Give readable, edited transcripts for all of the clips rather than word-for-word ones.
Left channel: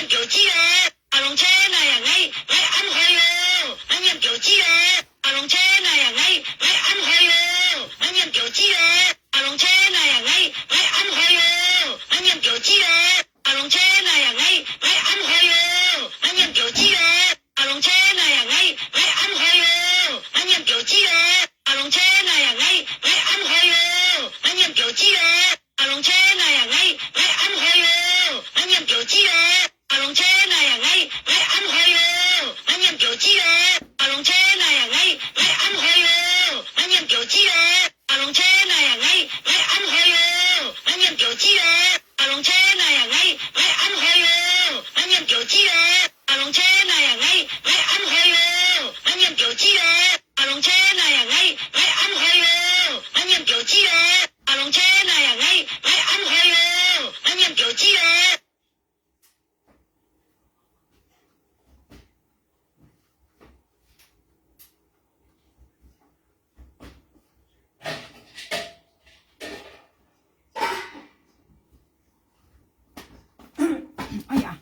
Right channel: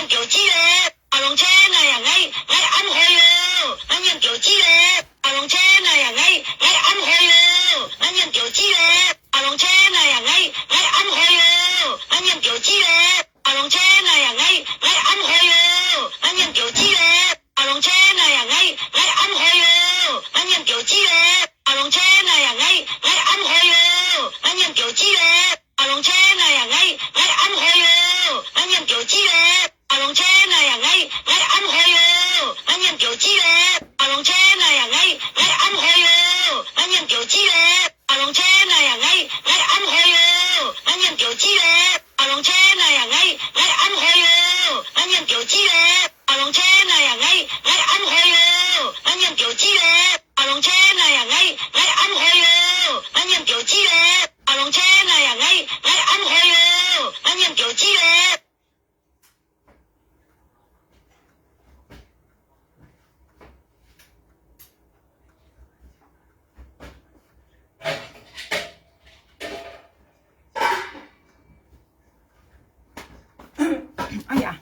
念表记嘞，阿龙车那样爱安排哟，俺念表记嘞，阿龙车那样爱安排哟，俺念表记嘞，阿龙车那样爱安排哟，俺念表记嘞，阿龙车那样爱安排哟，俺念表记嘞，阿龙车那样爱安排哟，俺念表记嘞，阿龙车那样爱安排哟，俺念表记嘞，阿龙车那样爱安排哟，俺念表记嘞。阿龍車那樣安排哟，俺念表記嘞，阿龍車那樣安排哟，俺念表記嘞，阿龍車那樣安排哟，俺念表記嘞，阿龍車那樣安排哟，俺念表記嘞，阿龍車那樣安排哟，俺念表記嘞，阿龍車那樣安排哟，俺念表記嘞，阿龍車那樣安排哟，俺念表記嘞。哎呀，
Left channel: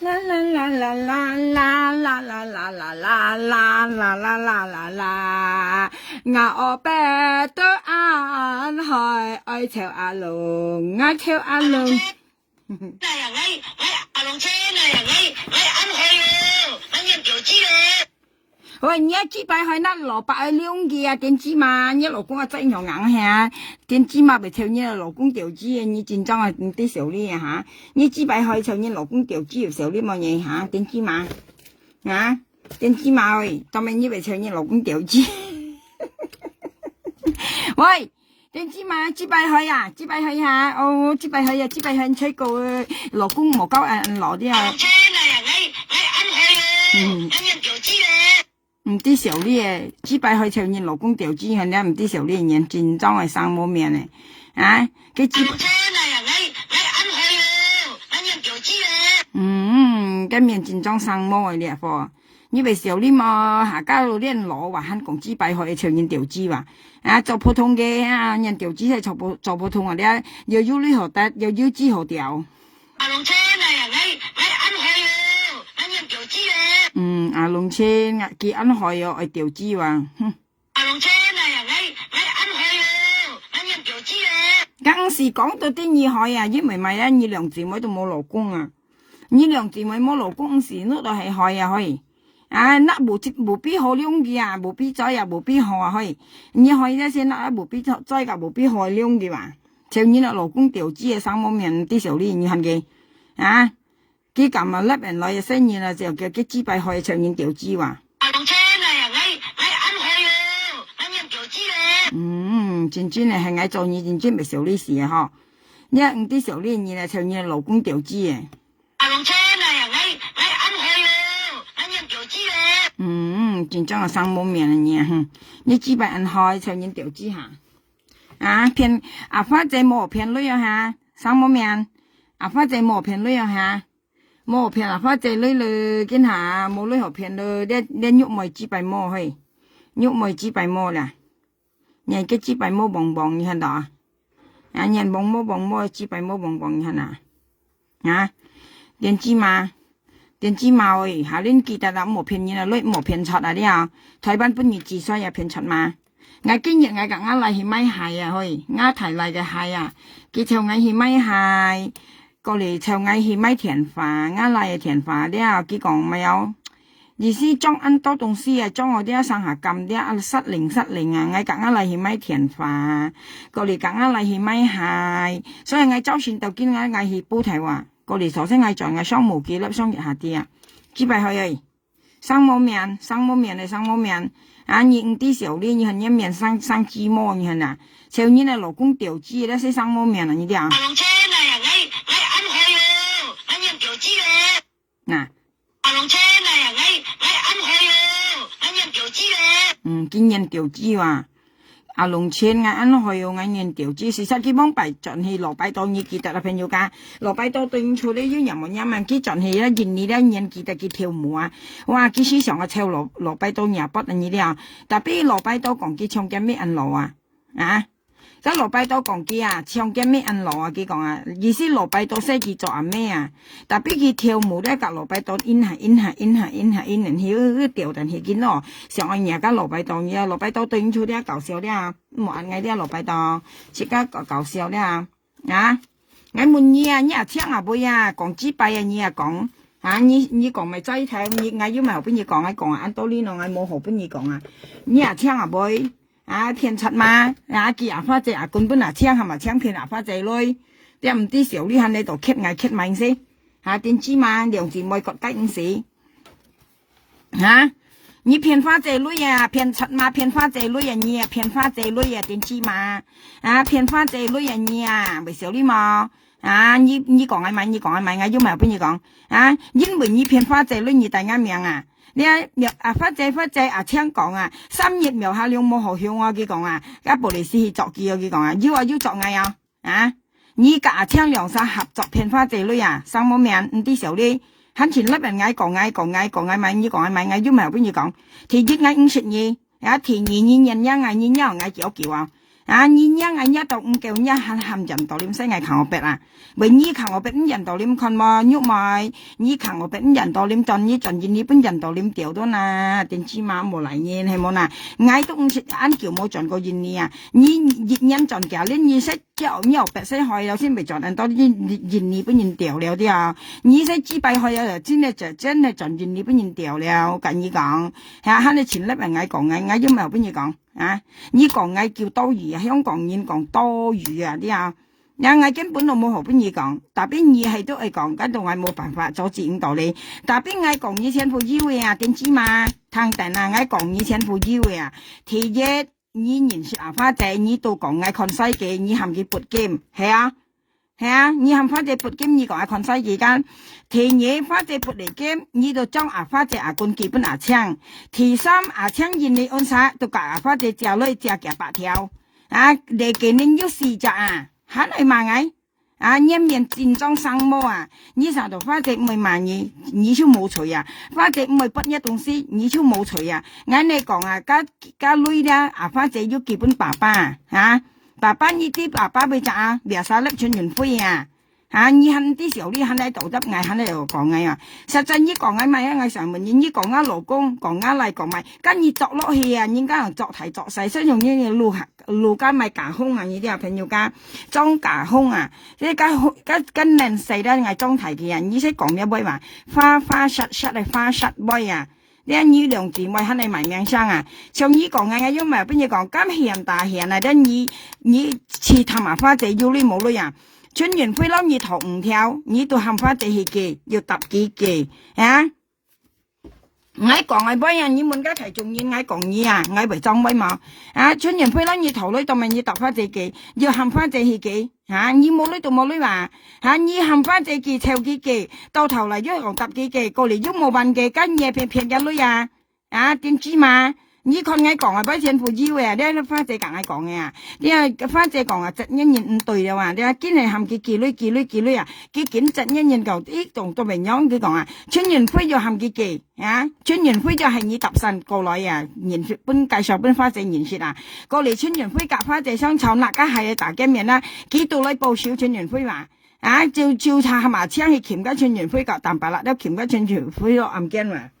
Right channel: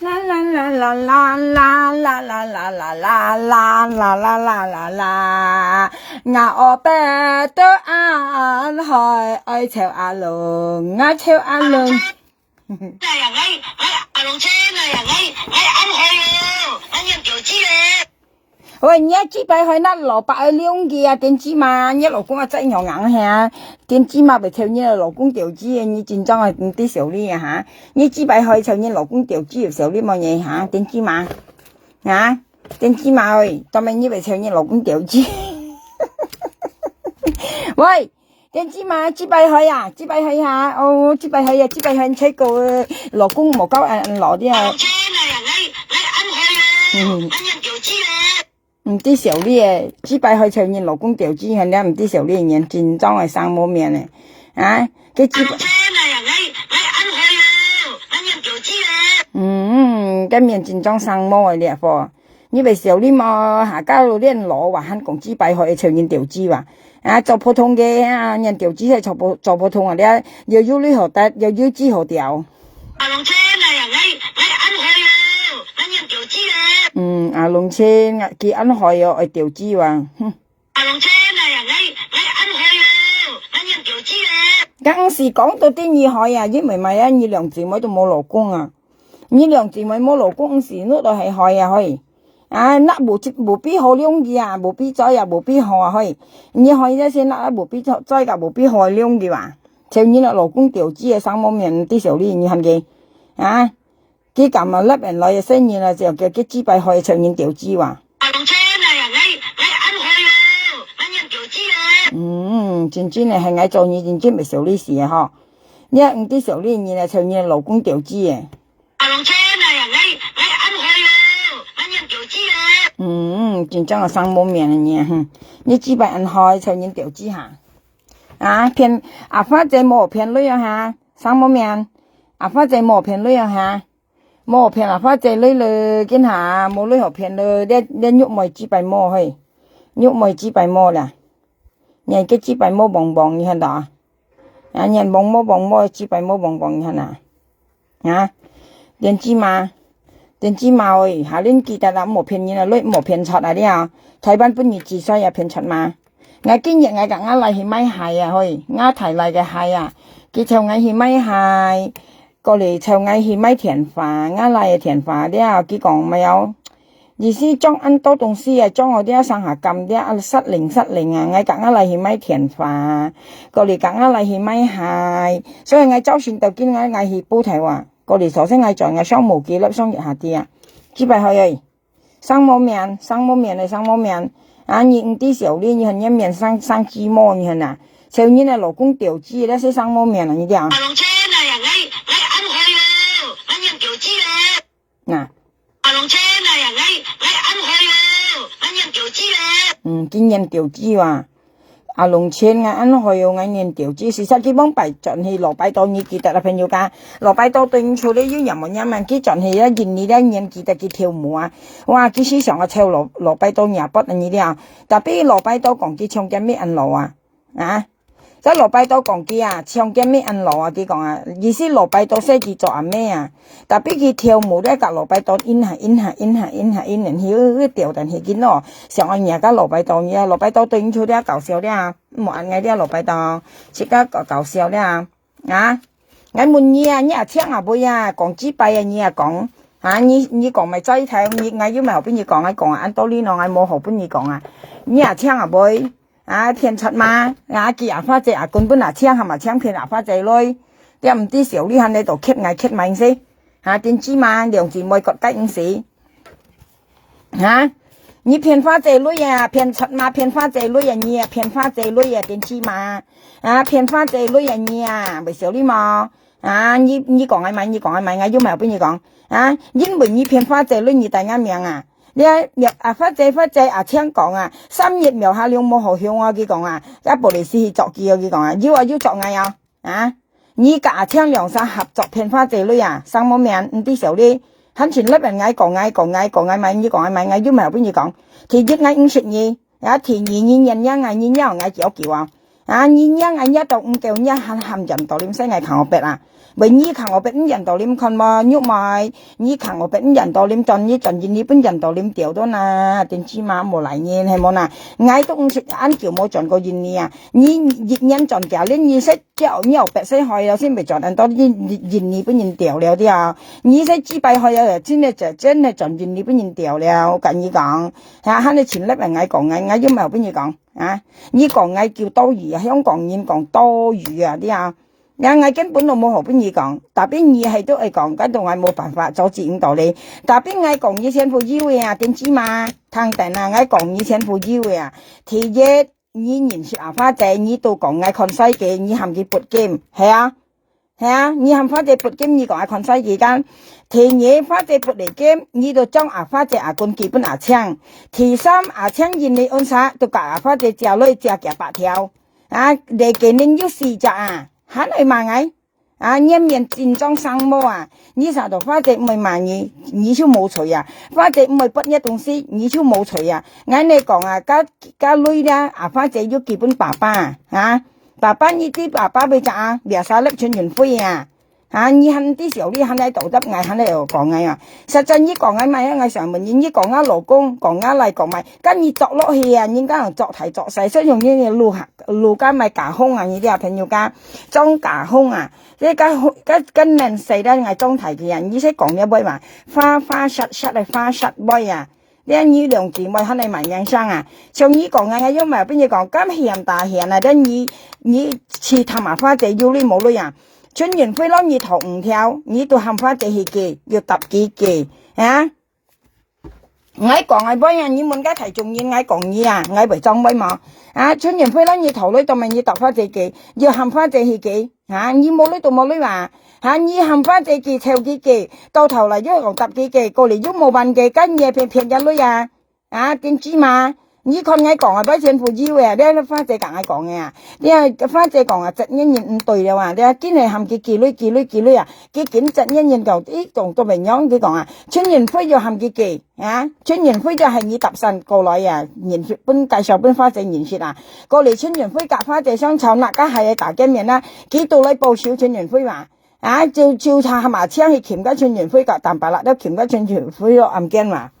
啦啦啦啦啦啦啦啦啦啦啦啦啦啦啦啦，我白都安海愛跳阿龍，愛跳阿龍。那樣阿龍車那樣安排哟，俺念表記嘞。喂，你要幾百塊那老伯兩個啊？點知嘛？你老公啊真有硬下，點知嘛？咪跳你老公調子啊？你真裝啊唔啲小李啊嚇？你幾百塊跳你老公調子又小李冇嘢嚇？點知嘛？啊？點知嘛？喂，當咪你咪跳你老公調子？喂，點知嘛？幾百塊啊？幾百塊啊？哦，幾百塊啊？幾百塊睇個老公冇夠攞啲啊？阿龍車那樣安排哟，俺念表記嘞。唔啲小李誒，幾百塊跳你老公調子，人家唔啲小李人真裝係生冇面咧，啊！佢幾百。阿龍車那樣安排哟，俺念表記嘞。咁面真裝生冇嘅咧貨，你咪小李嘛下家路啲人攞話肯講幾百塊跳人調子話，啊做普通嘅啊人調子係做普通啊啲，又要你學得，又要知學調。阿龍車那樣安排哟，俺念表記嘞。阿龍車佢安排哟愛調子話，阿龍車那樣安排哟，俺念表記嘞。當時講到啲厲害啊，因為咪啊，你兩姊妹都冇老公啊，你兩姊妹冇老公時，那都係害啊可以，啊那無必好兩個啊，無必再啊，無必好啊可以，你可以在先那無必再個無必好兩個話，就你那老公調子啊，生冇面啲時候你看佢，啊，佢咁啊甩人來嘅生意啦，就叫佢幾百塊就人調子話。阿龍車那樣安排哟，俺念表記嘞。真正係愛做你真正咪小李事啊嗬，你唔啲小李你嚟就你老公調子嘅。阿龍車那樣安排哟，俺念表記嘞。真正係生冇面嘅你，你幾百人開就人調子下，啊騙阿花仔冇騙女啊嚇，生冇面，阿花仔冇騙女啊嚇，冇騙阿花仔女嘞，見下冇女學騙嘞，你喐咪幾百冇去，喐咪幾百冇啦。人個幾百毛棒棒你看到啊？人棒毛幾百毛棒棒你看啊？啊？點知嘛喂，下年記得啦，冇騙人啊，女冇騙出啊啲啊，台灣本月至衰啊騙出嘛。我今日我夾我嚟去買鞋啊，去我提嚟嘅鞋啊，佢就我去買鞋，過嚟就我去買田飯，我嚟田飯啲啊，佢講咪有。意思裝很多東西啊，裝我啲上下撳啲失靈啊，我夾我嚟去買田飯，過嚟夾我嚟去買鞋，所以我周旋到見我去煲題話，過嚟首先我在我雙無幾粒雙月下啲啊，幾百去生冇面，啊你唔啲時候呢，你係一面生雞毛你係嗱，就你那老公調子咧先生冇面啊，你啲啊。阿龍車那樣安排哟，俺念表記嘞。嗱。阿龍車那樣安排哟，俺念表記嘞。今年調子話，阿龍車我安排哟，今年調子，事實基本擺進去羅擺多，你記得啦朋友家，羅擺多對處理要任何嘢嘛，佢進去咧，見你咧年記得佢跳舞啊，哇，佢時常我跳羅擺多廿筆啊，你啲啊，特別羅擺多講佢唱緊咩人路啊，啊， cái lò拜多講機啊，唱嘅咩按羅啊，佢講啊，意思羅拜多識佢做阿咩啊，但係佢跳舞咧，個羅拜多in下，然後調但係見咯，上岸嘢個羅拜多嘢，羅拜多對唔出啲搞笑啲啊，冇按嘅啲羅拜多，即刻搞笑啲啊，我問你啊，你啊唱啊妹啊，講幾拜啊，你啊講。你講咪齋睇，我要咪後邊你講，我講按道理咯，我冇後邊你講啊，你啊唱啊妹。偏出嘛，記阿花姐根本搶係咪搶偏阿花姐女？你唔知小呢喺你度揭明先，點知嘛？兩姊妹各得五時，你騙花姐女啊，偏出嘛，騙花姐女啊，你啊騙花姐女啊，點知嘛？騙花姐女啊，你啊，咪小呢嘛？你講係咪？我要咪後邊你講，因為你騙花姐女，你大啱命啊！你花姐聽講啊，3月苗下兩冇好向我佢講啊，而玻璃師去作記佢講啊，要作藝啊，你夾聽兩三合作騙花姐女啊，三冇命唔啲時候咧，很全粒人嗌講咪，你講係咪？我要咪後邊你講，其實嗌50年，其2人嗌叫啊。你一到5叫一喊人到點聲嗌扛我鼻啊！為你扛我鼻咁人到點看嘛？喐埋你扛我鼻咁人到點盡你本人到點掉到呐？點知嘛冇嚟年係冇呐？嗌都唔識按叫冇盡過現你啊！你人盡掉咧，你識叫你又白識開有先未盡按多啲現你本人掉了啲啊！你識支幣開有真係盡現你本人掉了，我跟你講，喺你前粒人嗌講嗌因為後邊你講。你講嗌叫多餘啊，香港人講多餘啊啲啊，我根本都冇何邊嘢講，但邊嘢係都係講，跟住我冇辦法阻止唔到你，但邊我講以前富要嘅啊，點知嘛？聽定啊，我講以前富要嘅啊，第一你認識阿花姐，你都講我看世紀，你含住撥劍，係啊，你含花姐撥劍，你講我看世紀間。第二花姐撥嚟劍，你就將阿花姐阿棍基本阿槍。第三阿槍現你安啥，就夾阿花姐隻女隻夾8條。嚟給恁有4隻啊，喊你罵我。你面戰爭生魔啊，你啥度花姐唔係罵你就冇錯啊。花姐唔係撥一東西，你就冇錯啊。我你講啊，家女咧，阿花姐要基本爸爸爸爸呢啲爸爸俾隻啊，別晒粒春元灰啊。你喊啲時候你喊喺道德嗌喊喺度講嗌啊，實際你講嗌咪我上問你講嗌老公講嗌嚟講咪，跟住作落去啊，應該人作題作勢，所以用呢啲路家咪架空啊，呢啲啊朋友家裝架空啊，即係跟人細啦嗌裝題嘅人，你識講一杯嘛，花實係花實杯啊。你兩姊妹喺你埋命生啊，像你講嗌因為邊嘢講咁嫌大嫌啊，你似探埋花姐要你冇女啊。春元飛撈你頭5條，你都喊花姐去記，要揼幾記我講係乜嘢？你問家提重要，我講你啊，我為裝威嘛春元飛撈你頭女，就問你揼花姐記，要喊花姐去記你冇女就冇女話你喊花姐記湊幾記，到頭嚟都係揼幾記，過嚟都冇辦記，跟嘢騙嘅女啊點知嘛？你看我講啊，把錢付要嘅，你花姐講我講嘅啊，你花姐講啊，質因唔對嘅話，你堅係含佢記女啊，佢檢質因就仲都明樣佢講啊，春元輝就含佢記春元輝就係你搭神過來啊，研説本介紹本花姐研説啊，過嚟春元輝夾花姐相湊啦，家係大見面啦，幾度嚟報銷春元輝話照查係嘛，請去鉗家春元輝夾蛋白啦，都鉗家春元輝暗驚話。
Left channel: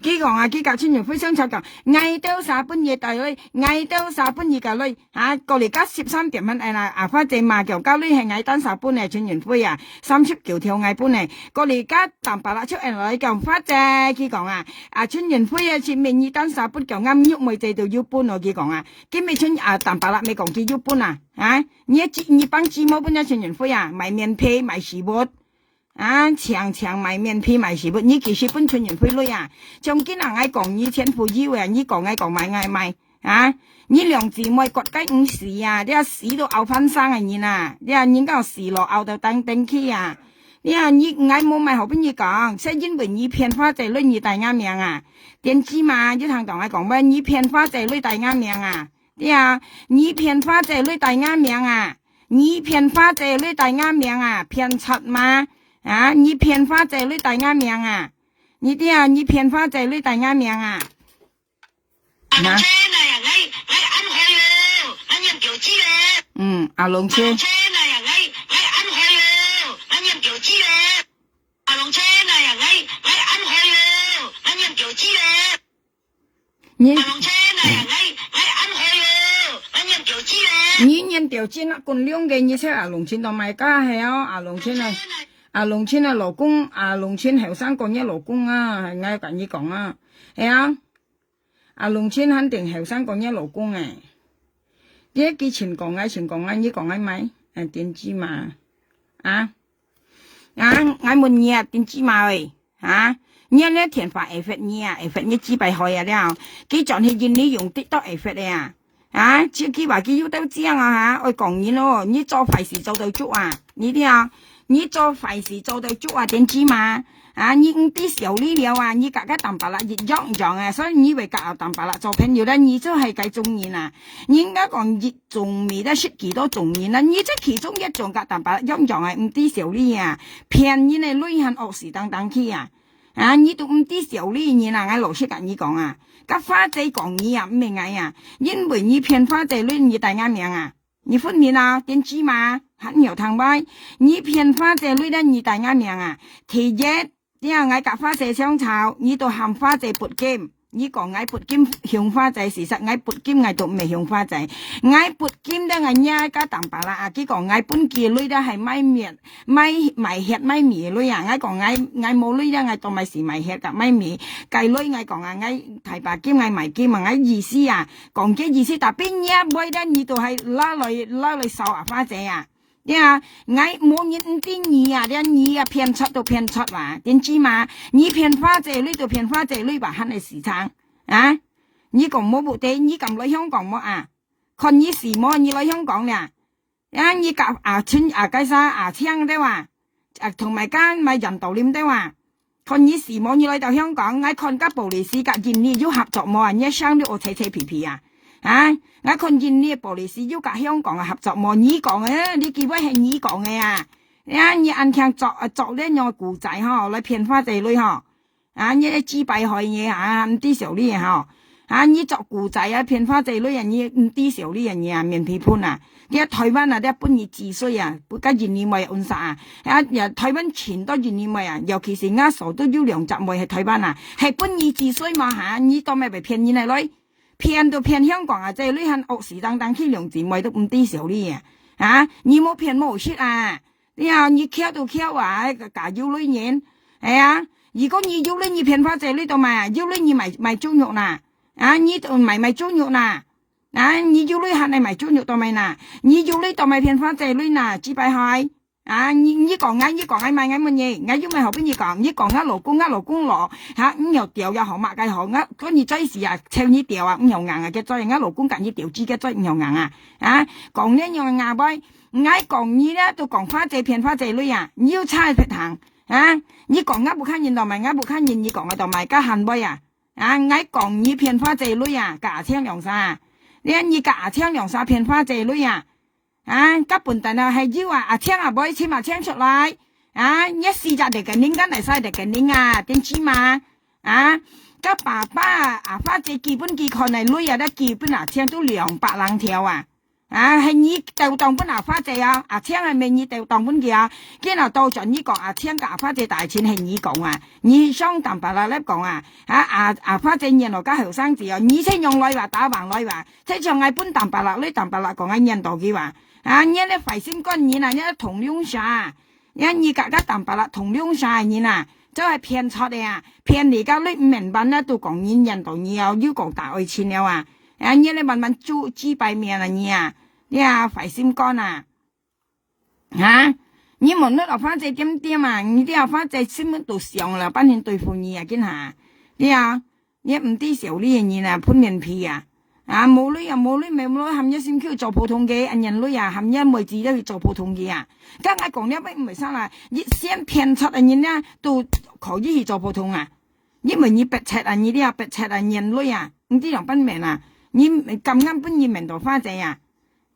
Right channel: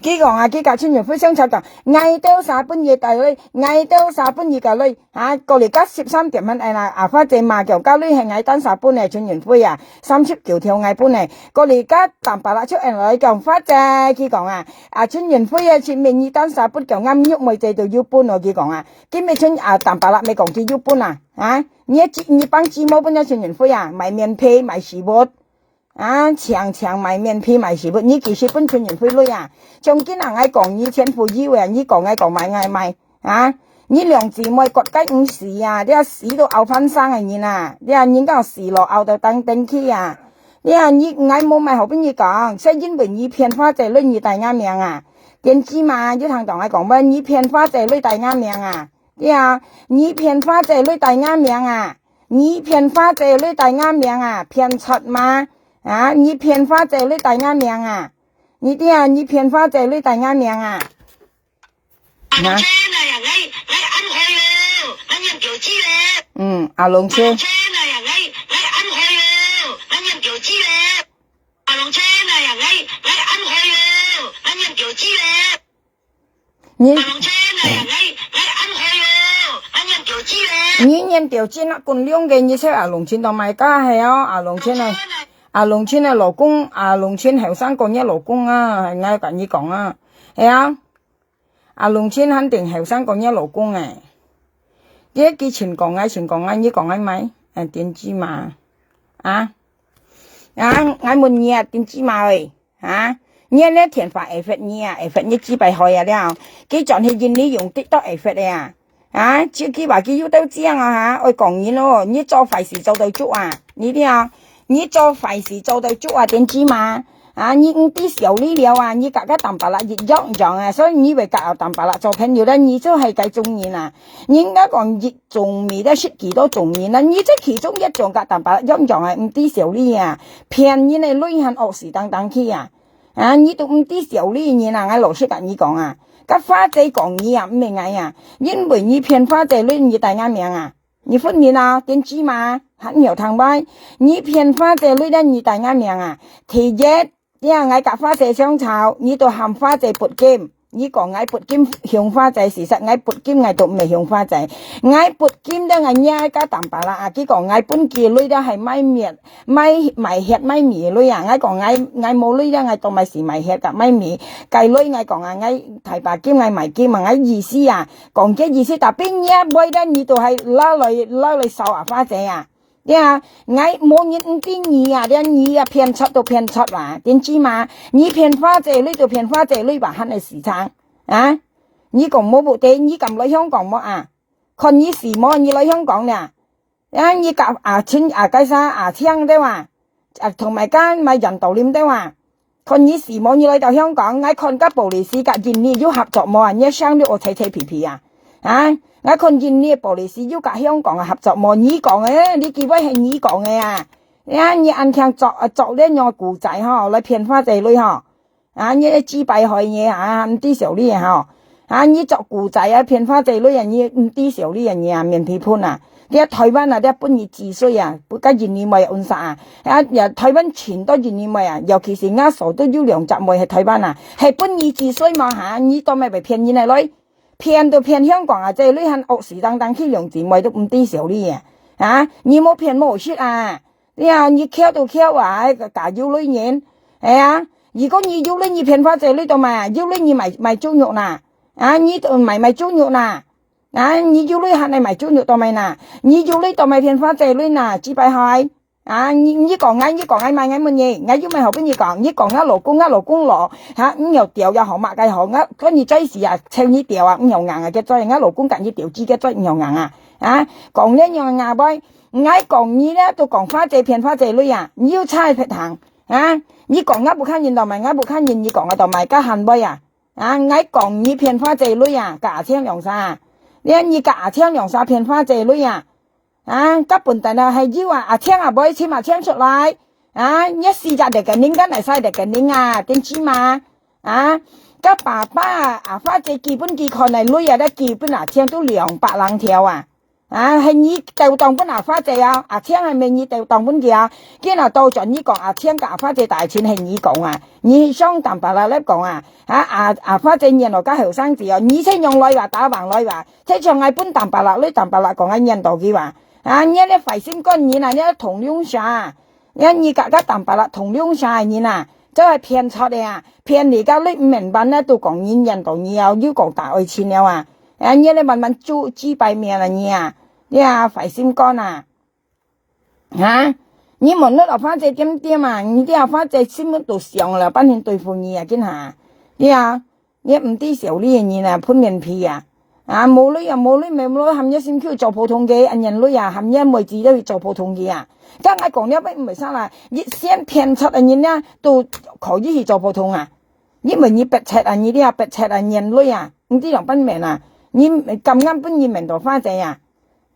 幾個幾架春元輝相湊講，嗌到3半夜大女，嗌到3半夜個女，過嚟家13點蚊阿花姐罵叫家女係嗌單3半春元輝39條嗌半過嚟家蛋白啦出嚟叫花姐，佢講春元輝前面二單3半叫啱喐妹仔就要搬佢講今日春蛋白啦未講佢要搬你幫姊妹搬春元輝買面皮買食物強買面皮買食物，你其實本春元輝女從今日我講你錢富要你講我講買你兩姊妹割雞5時你屎都拗翻生你人家屎落拗到登去你我冇買後邊你講，所以因為你騙花姐女你大啱命點知嘛？你同我講咩？你騙花姐女大啱命你騙花姐女大啱命你騙花姐女大啱命騙柒嘛？你騙花姐女大啱命你騙花姐女大啱命阿龍車我按開我人叫 tiểu chi rồi龍車龍車này à ngay ăn hồi rồi anh nhận tiểu chi rồi龍車này à ngay ăn hồi rồi anh nhận tiểu chi rồi nhí龍車này à ngay ăn hồi rồi anh nhận tiểu chi rồi nhí nhân tiểu chi nó còn liông cái như thế龍車同埋家係龍車呢龍車呢老公龍車後生個嘢老公係嗌緊你講係龍車肯定後生個嘢老公啲之前講你講咪點知嘛我問你點知嘛喂你呢填法會發你你幾百開了佢仲係見你用的都會發自己話佢要都知我講你咯你做壞事做到足你啲你做壞事做到足點知嘛你啲小力了你格淡白啦熱樣所以你為格淡白啦做朋友咧你就係計中意你應該講熱仲未得識幾多中意你即其中一種格淡白啦樣啲小力騙你呢女人惡事等去你都啲小力你我老實跟你講個花仔講你唔明因為你騙花仔女你大啱命你分明點知嘛很有湯歪你騙花仔女你大啱命其一我夾花仔相炒你都喊花仔撥劍你講我撥劍向花仔事實我撥劍我都未向花仔我撥劍都我一家淡白啦佢講我本記女都係咪滅咪吃咪面女我講我冇女我當咪是咪吃㗎咪面計女我講我提白劍我咪劍我意思講嘅意思但邊一位咧你都係拉嚟收花仔我冇人啲你你騙出都騙出點知嘛你騙花仔女就騙花仔女話肯係時撐你講冇目的你咁嚟香港冇看你時冇你嚟香港呢你夾錢計生槍的話同埋間咪人道念的話看你時冇你嚟到香港我看個保利斯夾見你要合作冇你生啲我扯皮皮我看見呢保利斯要夾香港合作冇你講你幾位係你講嘅你按聽作呢樣故仔嚟騙花仔女你知敗害嘢唔啲小呢嘢你作故仔騙花仔女你唔啲小呢樣嘢面皮盤你台灣你本意自衰不加現你咪按殺台灣全都現你咪尤其是啱傻都要兩集咪係台灣係本意自衰嘛你當咪被騙你嚟女騙到騙香港即係你肯惡事等去兩姊妹都唔啲小呢嘢你冇騙冇識你敲到敲假要女人如果你要你騙花仔呢度咪要你賣豬肉你都賣豬肉你要你係你賣豬肉度咪你要你度咪騙花仔呢只擺開你講買乜嘢我要咪後邊你講你講老公攞又掉又好抹嘅好嗰你真是請你掉又硬嘅再老公緊要掉資嘅再又硬講呢樣硬喂我講你咧都講花仔騙花仔女你要猜撇行你講不看見度咪不看見你講度咪加行威我講你騙花仔女假槍兩沙你假槍兩沙騙花仔女các本tại là hay yêu tiếng bơi chim tiếng xuất lại nhất si ra để cái nín cái này sai để cái nín tiếng chi mà các bà ba phát triển kỳ bên kỳ con này nuôi đã kỳ bên tiếng都200條係你調動bên phát triển tiếng係咪你調動bên kia cái nào到咗你講tiếng cả發triển大錢係你講你雙淡白啦咧講發展人家後生子你先用來話打橫來話即係係本淡白啦你淡白啦講喺印度嘅話你咧費心乾你你同樣晒你格淡白啦同樣晒你就係騙出嚟騙你家你唔明白咧都講印度你要講大愛錢了你咧慢慢豬敗命啦你費心乾你問你花姐點你啲花姐心都上啦班人對付你見下你唔啲小呢嘢潘面皮冇女咪冇女，含一先叫做普通嘅，人女含一妹子都要做普通嘅咁我講咗唔係生啦，先騙出人呢都可以去做普通因為你白切你啲白切人女唔啲人本命你咁啱本意命到花仔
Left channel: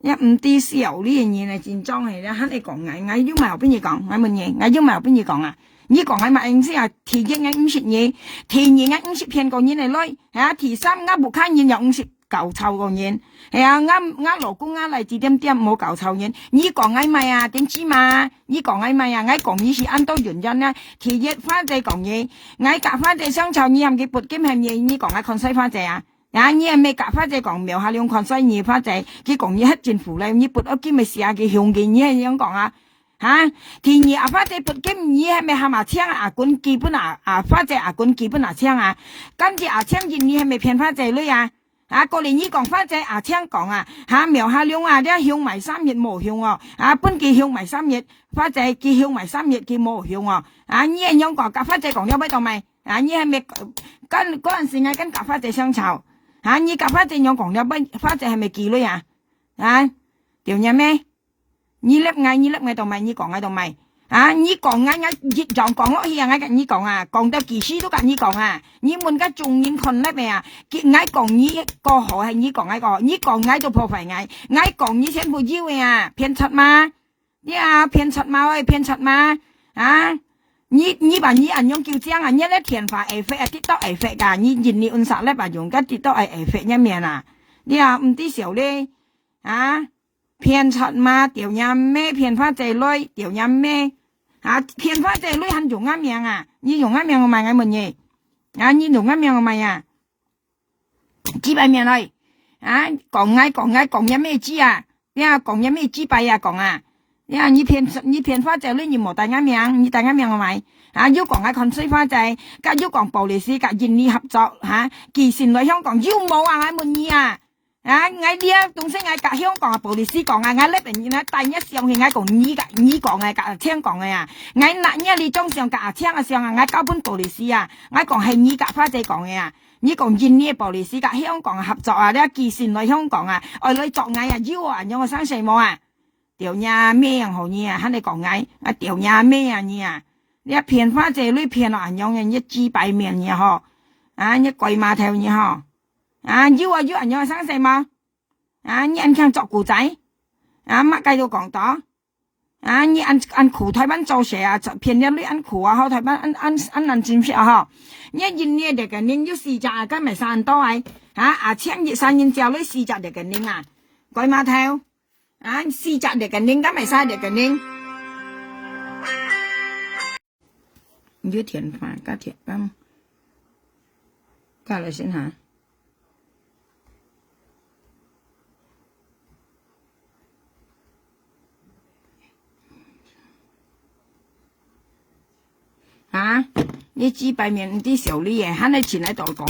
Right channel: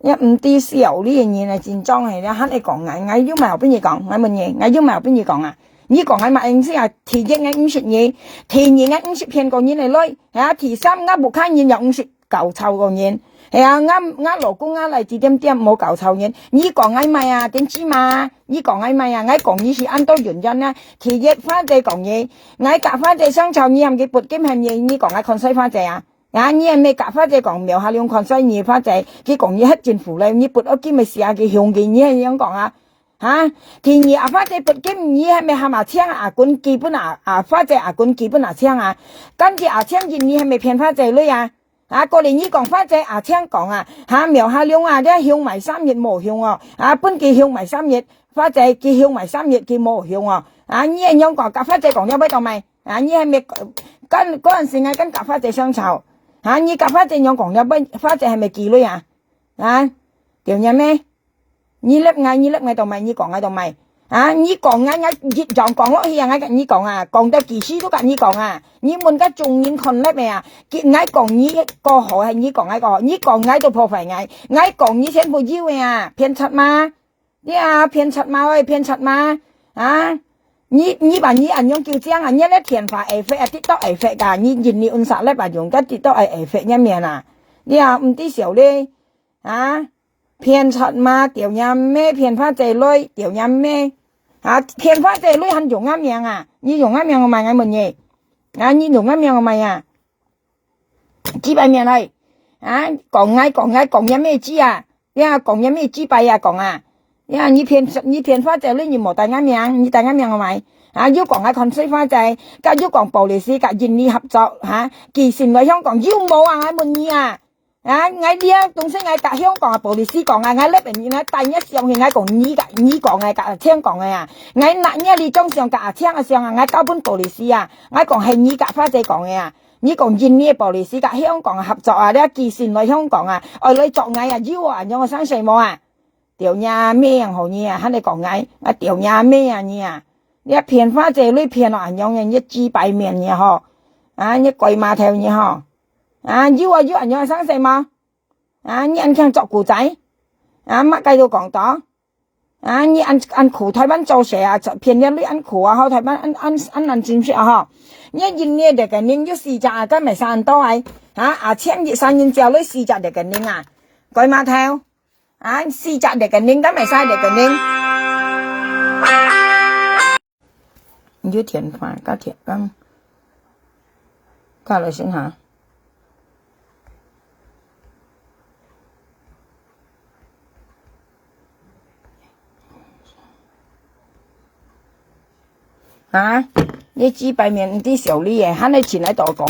一唔啲小呢樣嘢係戰裝係啦，肯你講我要咪後邊嘢講，我問嘢，我要咪後邊嘢講你講係咪意思提一50嘢，提二50騙過你嚟女，提三不看你有50。搞臭個人。係啊，我老公嚟指點冇搞臭人。你講係咪啊？點知嘛？你講係咪啊？我講你是按到原因啊。其一花姐講嘢，我夾花姐相臭，你係咪撥金係嘢？你講係看衰花姐啊？啊，你係咪夾花姐講苗下兩看衰你花姐？佢講嘢黑政府咧，你撥咗金咪試下佢向嘅，你係咁講啊？嚇！其二花姐撥金，你係咪係咪搶啊？管基本花姐管基本搶啊？今次搶嘢，你係咪騙花姐女啊？過年呢講花姐聽講苗下兩啲向埋3月冇向哦，本記向埋3月，花姐記向埋3月記冇向哦，呢樣講夾花姐講咗俾到未？呢係咪嗰陣時係跟夾花姐相吵？呢夾花姐樣講咗俾花姐係咪記女啊？條嘢咩？你粒嗌到未？你講嗌到未？你講嗌熱狀講落去嗌你講講到幾時都跟你講你們嘅重點看叻未啊？嗌講你個好係你講嗌個，你講嗌到破壞嗌講你全部以為騙柒嘛？騙柒嘛喂，騙柒嘛？你把你按用叫這樣你咧填法會費跌到會費㗎，你人力運殺咧把用嘅跌到會費一面你唔知少咧騙柒嘛？條嘢咩騙花姐女？條嘢咩？騙花姐女很用啱命你用啱命我問你問嘢你用啱命我問幾百命嚟講嘢咩知講嘢咩知弊講你騙花姐女你冇大啱命你大啱命我問要講看衰花姐要講暴力士人力合作其實來香港要冇我問你我啲東西我隔香港暴力士講我呢邊第一上係我講你講隔聽講我嗱你中上隔聽上我交本暴力士我講係你隔花姐講你講人力暴力士隔香港合作你其實來香港我來作我要讓我生細冇條嘢咩人好你喺你講我條嘢咩你騙花姐女騙落讓人一知擺面嗬一鬼馬頭嗬要人有生細嘛你按強作古仔乜計到講到你按苦台灣做事騙人女按苦好台灣按轉撇你人呢哋嘅命要試擇今日散多千熱散人之後女試擇哋嘅命鬼馬頭試擇哋嘅命今日晒哋嘅命要填飯加填金加嚟先嚇你知擺面啲小李喺你前喺度講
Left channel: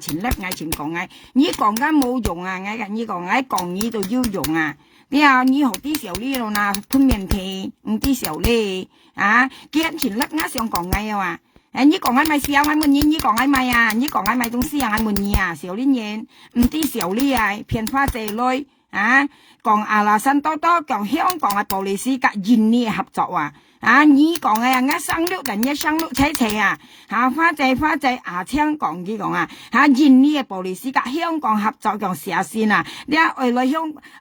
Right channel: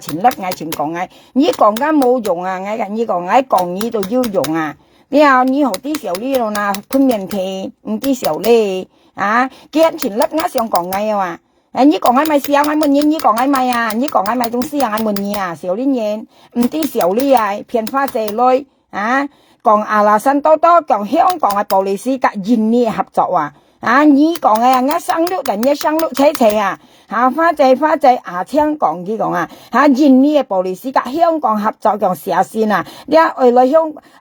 前粒前講你講緊冇用你講你就要用你學啲小李咯吞面皮唔啲小李見前粒想講你講咪試下我問你講咪你講咪總試下我問你小李嘢唔啲小李騙花姐女講那新多講香港暴力士隔人力合作你講我生碌人一生碌車花姐香港呢講人力暴力士隔香港合作講試下先你外來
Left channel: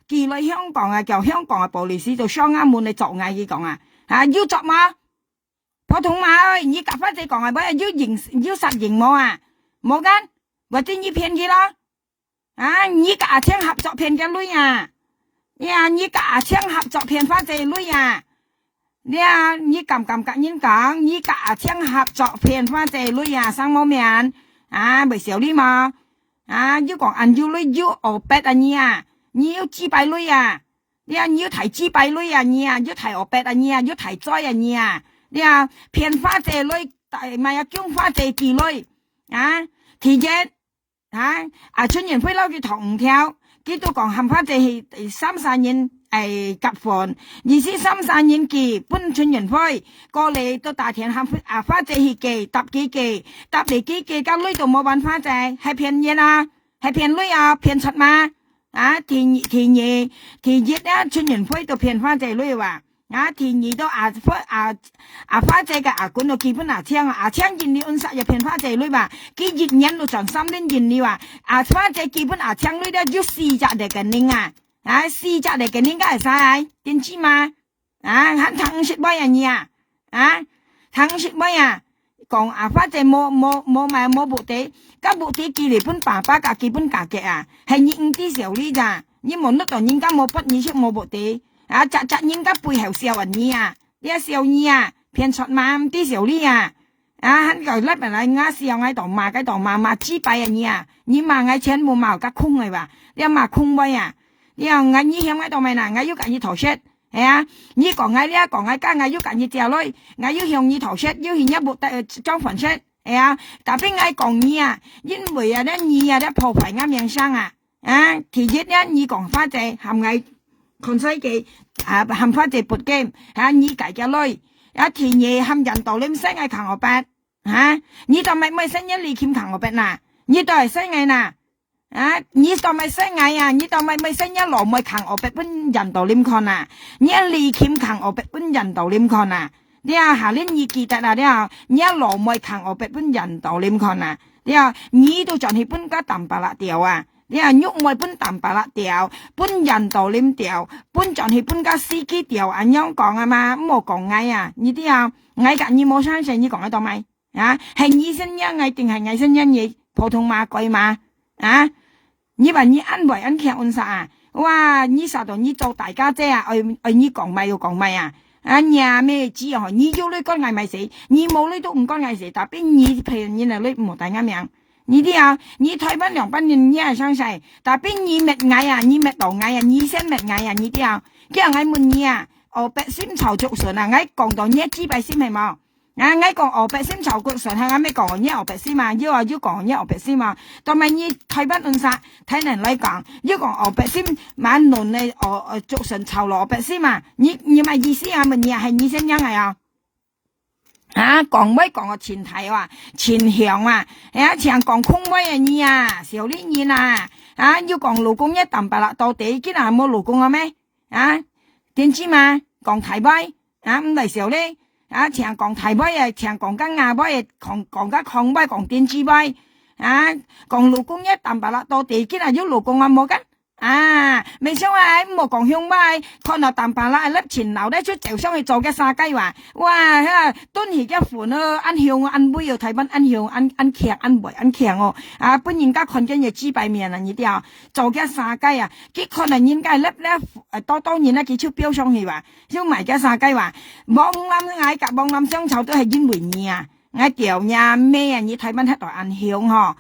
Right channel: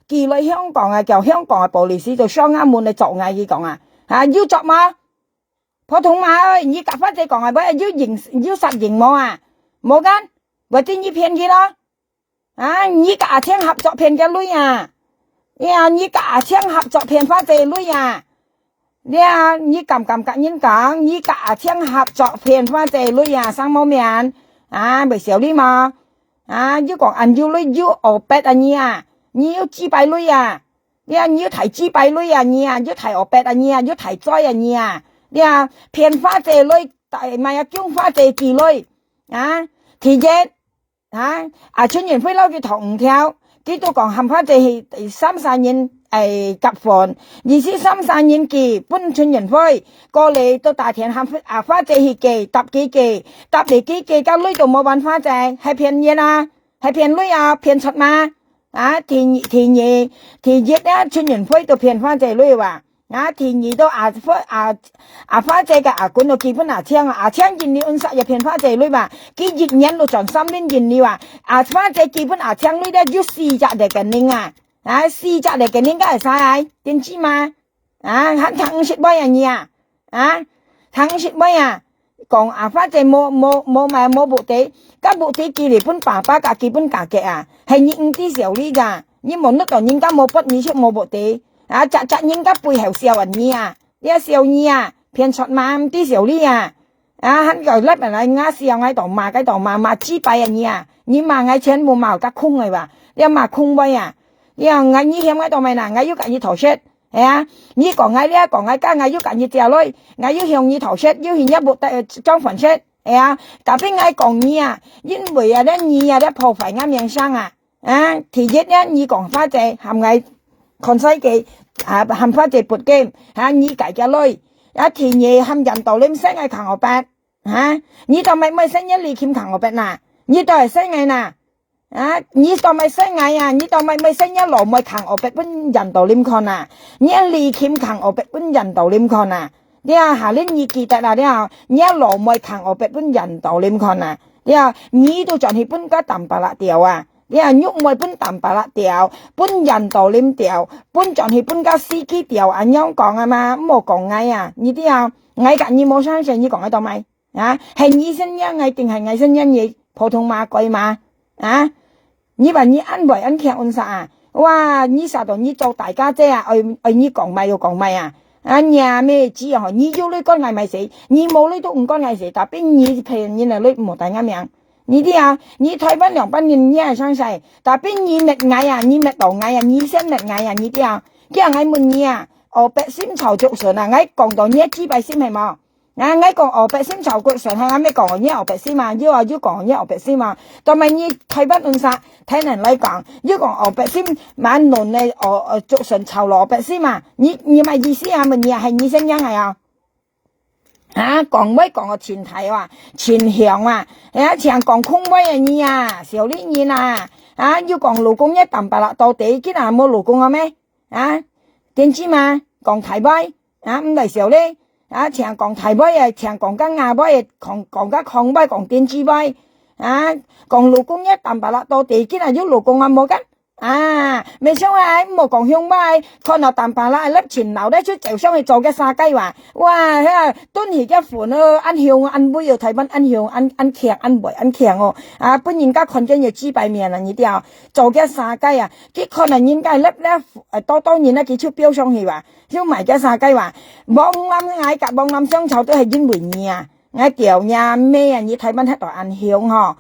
寄來香港叫香港暴力士就相啱滿你做呢講要做嘛普通話你夾花姐講要實行冇冇間或者你騙佢咯你夾聽合作騙嘅女你夾聽合作騙花姐女你咁人講你夾聽合作騙花姐女生冇面咪小李嘛要講要女要學白你要知擺女你要提知擺女你要提學白你要提災你騙花姐女咪將花姐妓女其一春園飛撈嘅同條佢都講冚花姐係3-4年夾飯23-4年期搬春園飛過嚟到大田冚花姐係寄搭幾寄搭嚟幾寄交女都冇揾花姐係騙嘢係騙女騙柒嘛其一春園飛都騙花姐女話第二都花姐嘅管到基本搶人力運殺又騙花姐女嘛佢熱人到全3年人力話花姐基本搶女咧要試擇嚟嘅寧試擇嚟嘅寧梗係晒點知嘛肯탕食乜嘢糖食乜嘢講發這冇部地，嗰部地佢嚟本爸爸架佢本價嘅啊，係你唔知少呢咋，你冇得講人家冇筆你出冇部地，扎人家背後笑人你啊，你笑你啊，騙出嘛唔知少呢啊，喺個甩人嚟啱笑喺度罵雞掰啊你罵嗌錢冇罵個空嚟話，你罵空位啊，你嗌你響喺度咪嗱，嗌要緊你頭出。你講嗌呢，講嗌家嗌要緊你掉落，嗌要向你頭出，要向一部裝粉出，特別嗌講你啊，因為啊咧你啊咧破壞啱人生啊，其一咧你講翻隻係嗌看西記係翻隻撥機你計嘅女，其二係人道你唔使嗌強我白你就咪使一利欠強我白嗱，你都係使嗌嗱。你當咪生嗌啊？你當咪生一羅咪扛我別本人道點看啊？你一利欠扛我別本人道點看啊？你下年你記得啊？你一羅咪扛我別本人道點看啊？你都仲係本家淡白啦掉啊？喐咪本淡白啦掉，本人道點掉，本仲係本家司機掉，咁樣講啊嘛？冇講嗌啊？你嗌緊你冇相信你講喺度咪？係你聲音嗌定係嗌聲音嘢普通話貴嘛？你話你安慰安強安啥啊？哇！你啥到你做大家姐啊？你講咪要講咪啊？呀咩知啊？你要你講嗌咪死，你冇你都唔講嗌死，但邊你譬如你嚟你冇大啱樣，你你退翻兩班人你係相細，但邊你滅嗌啊？你滅道嗌啊？你先滅嗌啊？你叫嗌問你啊？我白先籌足順啊！嗌講到你知白先係冇？嗌講我白先籌足順係啱咩講？你我白先嘛？要講你我白先嘛？同埋你退翻亂晒。睇人嚟講，要講我白先晚輪嚟我足順籌羅白先嘛？你咪意思啊？問你係你聲音係啊？講咩講個前提話前向啊？前講空威啊你啊？小呢你啊？要講老公一啖白啦，到底今日冇老公啊咩？點知嘛？講提威唔嚟小咧？前講提威啊，前講緊亞威，講緊抗威，講電子威。講老公一啖白啦，到地基要老公冇跟未想冇講香威，看到啖白啦，粒前流咧出就上去做嘅沙雞話，哇！敦而一款咯，ăn香ăn杯要睇翻ăn香ăn強ăn梅ăn強哦，本人家看見要知擺面啦，你啲做嘅沙雞啊，佢可能應該粒咧多然咧佢出標上去話，燒埋嘅沙雞話，望諗嗌夾望諗相湊都係因為你啊。我屌呀咩啊？你睇翻黑度暗香嗬？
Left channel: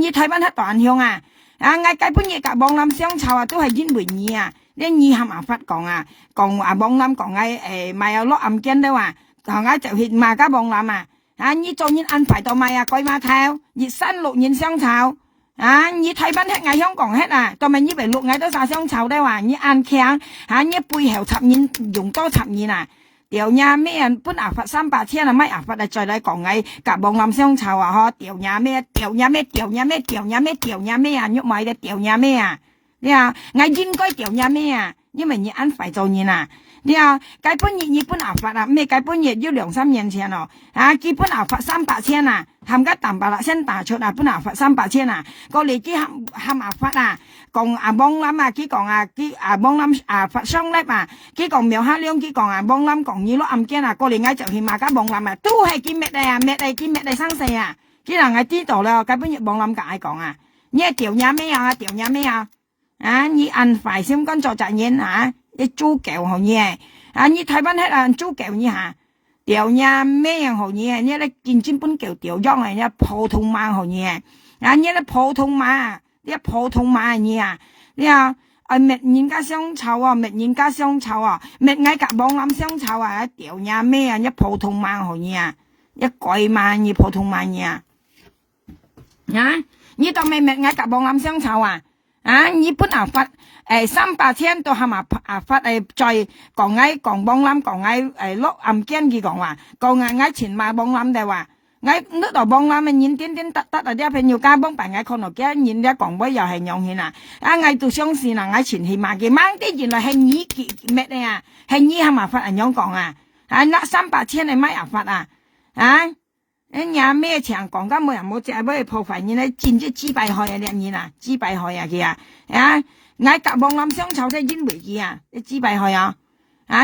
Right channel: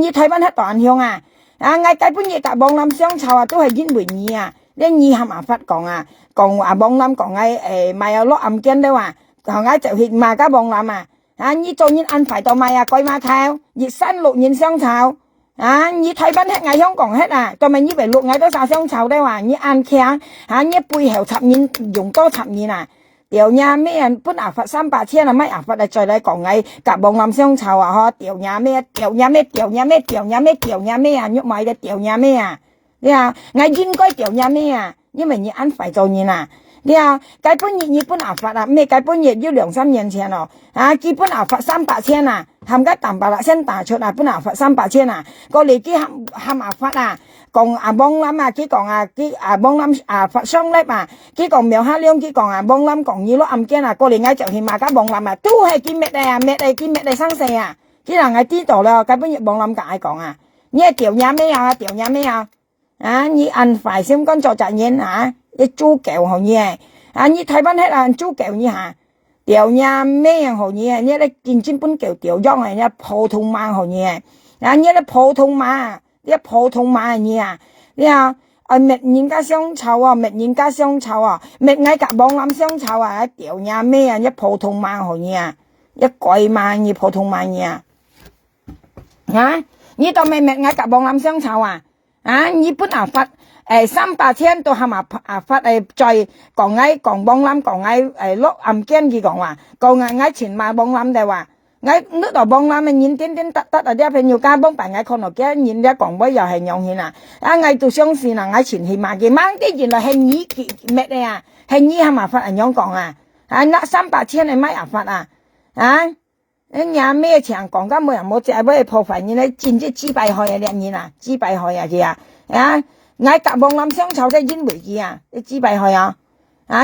你睇翻黑度暗香啊？我基本嘢夾網冧相湊啊，都係因為你啊！你係麻煩講啊，講話網冧講咪有落暗鏡的話，講就係嘛家網冧啊！你做人安排到咪啊鬼馬頭，熱山綠人相湊你睇翻黑香港黑啊，同埋你為綠都晒相湊的話，你暗強你背後插人用多插人啊！掉呀咩人本牙發300千啊，乜牙發再嚟講嗌夾網冧相湊啊！掉呀咩啊，喐埋嘅掉呀咩啊！你嗌應該掉呀咩啊？因為你安排做人啊！你計本月你本牙發啊，咩計本月要2-3年前咯基本牙發300千啊，冚家啖白啦先打出本牙發300千啊，個嚟啲冚牙發啊！講網冧啊，佢講網冧發雙粒啊，佢講苗下亮，佢講網冧講你攞暗鏡啊，過嚟嗌就係馬家網冧啊，都係見滅啊，滅嚟生死啊，佢人係知道啦，根本要網冧架講你係掉呀咩啊，掉呀咩啊，你按快先講做責任你豬腳好嘢你睇翻喺豬腳你掉呀咩好嘢，你咧見真本腳掉咗你普通話好嘢你咧普通話。你普通話你你滅人家相湊啊，滅人家相湊啊，滅嗌夾網冧相湊啊，掉呀咩你普通話好嘢一鬼嘛你普通話你你當咪滅嗌夾網冧相湊你本發300千都係嘛發再講講網冧講落暗鏡佢講話講嗌前買網冧就話ngay nước đỏ bông lam nhìn tiến tắt ở đây phải nhiều ca bông phải ngay con ở kia nhìn ra còn bây giờ hay nhộng hình ngay từ sáng xin là ngay chuyển hình mà cái mang cái gì là hình nhí mẹ đây hình nhí mà phát ở nhóm còn nã 300 千này mấy phát nhà mẹ chẳng còn cái mười một triệu với phổ phải như này chín chỉ bài hỏi đẹp như nào chỉ bài hỏi kìa ngay cả bông lam sáng cháu đây dính bụi kìa chỉ bài hỏi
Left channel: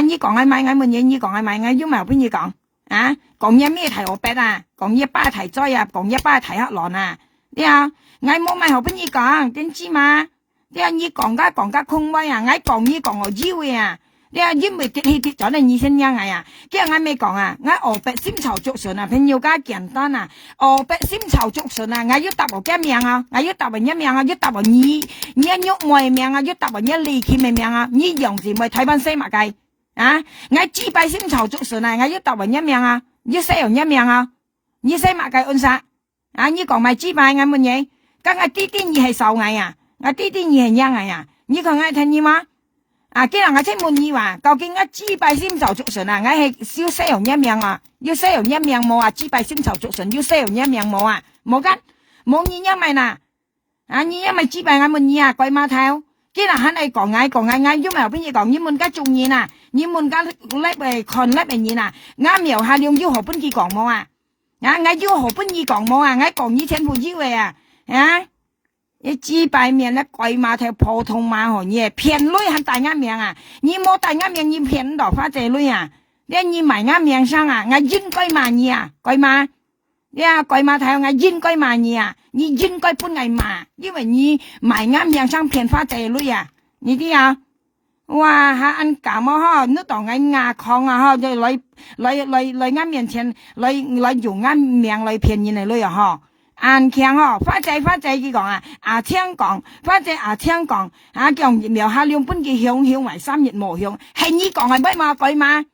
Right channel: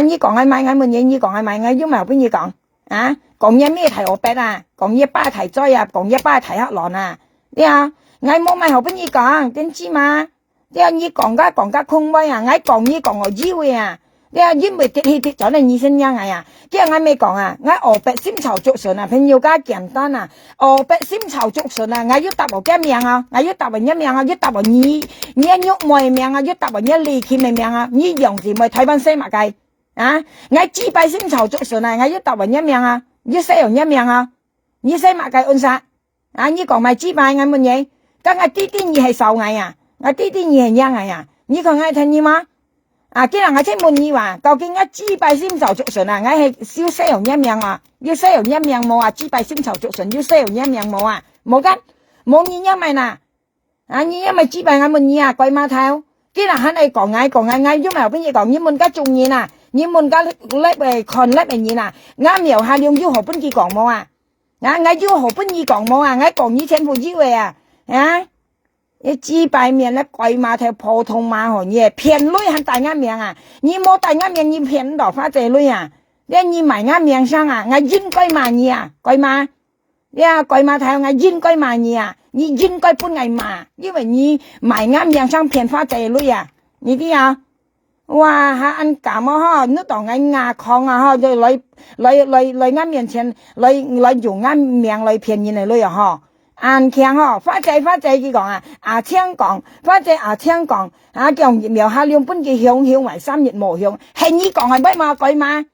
như còn ai mai ngay mình như còn ai mai ngay giúp mà bây giờ còn 啊，講嘢咩提我筆啊，講嘢巴提災啊，講嘢巴提黑狼啊，呀，我冇咪好俾你講，點知嘛？呀，你講家空威啊，我講你講我以為啊，呀，因為跌咗你先樣啊，即係我未講啊，我河北先籌足順啊，朋友家簡單啊，河北先籌足順啊，我要答我嘅名啊，我要答我一名啊，要答我你喐我名啊，要答我一離奇嘅名啊，你用字咪睇翻西馬計啊，我支拜先籌足順啊，我要答我一名啊。你西洋一命啊！你西馬計按殺啊！你講埋支拜咁乜嘢？咁我啲嘢係受藝啊！我啲嘢係贏藝啊！你講我聽你嘛？啊！既然我真問你話，究竟我支拜先受足順啊？我係燒西洋一命啊！要西洋一命冇啊！支拜先受足順，要西洋一命冇啊！冇㗎，冇你一咪嗱啊！你一咪支拜我問你啊！鬼馬頭！既然喺你講嗌，因為後邊嘢講，你問家中意啊！你們家叻嚟看叻嚟嘢啊！啱描下用要何本意講冇啊？我要何本意講冇啊？我講以前不以為啊！你幾百面咧鬼馬頭普通話行嘢騙女係大啱命啊！你冇大啱命，你騙到花仔女啊！你埋啱命上啊！我應該罵你啊！鬼馬，鬼馬頭我應該罵你啊！你應該不挨罵，因為你埋啱命上騙花仔女啊！你啲啊！哇！吓按咁啊！嗬，你當我牙抗啊！嗬，就嚟啱面前嚟用啱命嚟騙人嚟女啊！嗬，按強嗬，花仔佢講啊，聽講，花仔聽講，講苗下兩本嘅響為3月無響，係你講係咩嘛鬼嘛？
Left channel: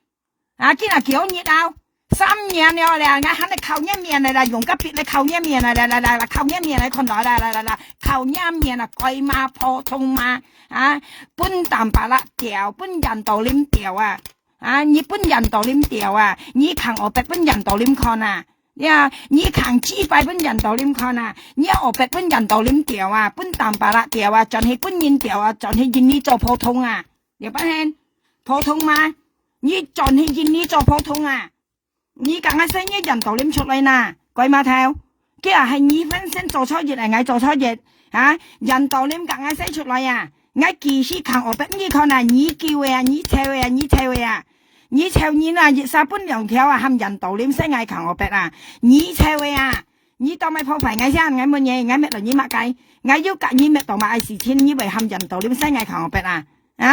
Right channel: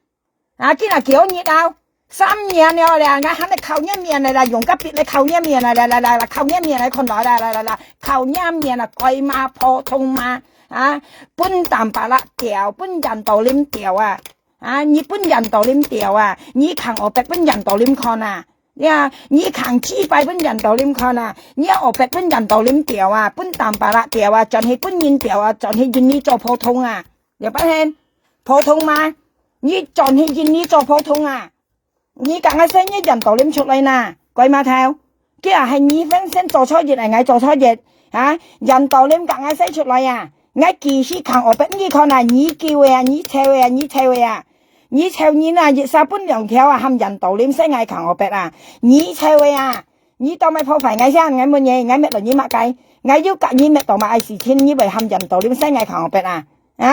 今日幾熱啊？3年了啦，我喊你扣一面嚟啦，用個筆嚟扣一面嚟，扣一面嚟看到啦，扣一面啦，鬼嘛普通嘛。本淡白啦掉，本人道點掉啊！你本人道點掉啊！你看我白本人道點看啊！你看支拜本人道點看啊！你我白本人道點掉啊！本淡白啦掉啊！盡係本人掉啊！盡係認你做普通啊！你不聽普通嘛？你盡係認你做普通啊！你講嘅聲音人道點出嚟呐？鬼馬頭，既然係你分身做錯嘢嚟，我做錯嘢人道點講嘅聲出嚟啊！我繼續看我俾你看啊！你叫啊！你臭啊！你臭啊！你臭你啊！熱沙半兩條啊！含人道點聲嗌看我俾啊！你臭啊！你當咪破壞我聲？我乜嘢？我咩嚟？你乜計？我要隔你咩當咪嗌事情？你為含人道點聲嗌看我俾啊！我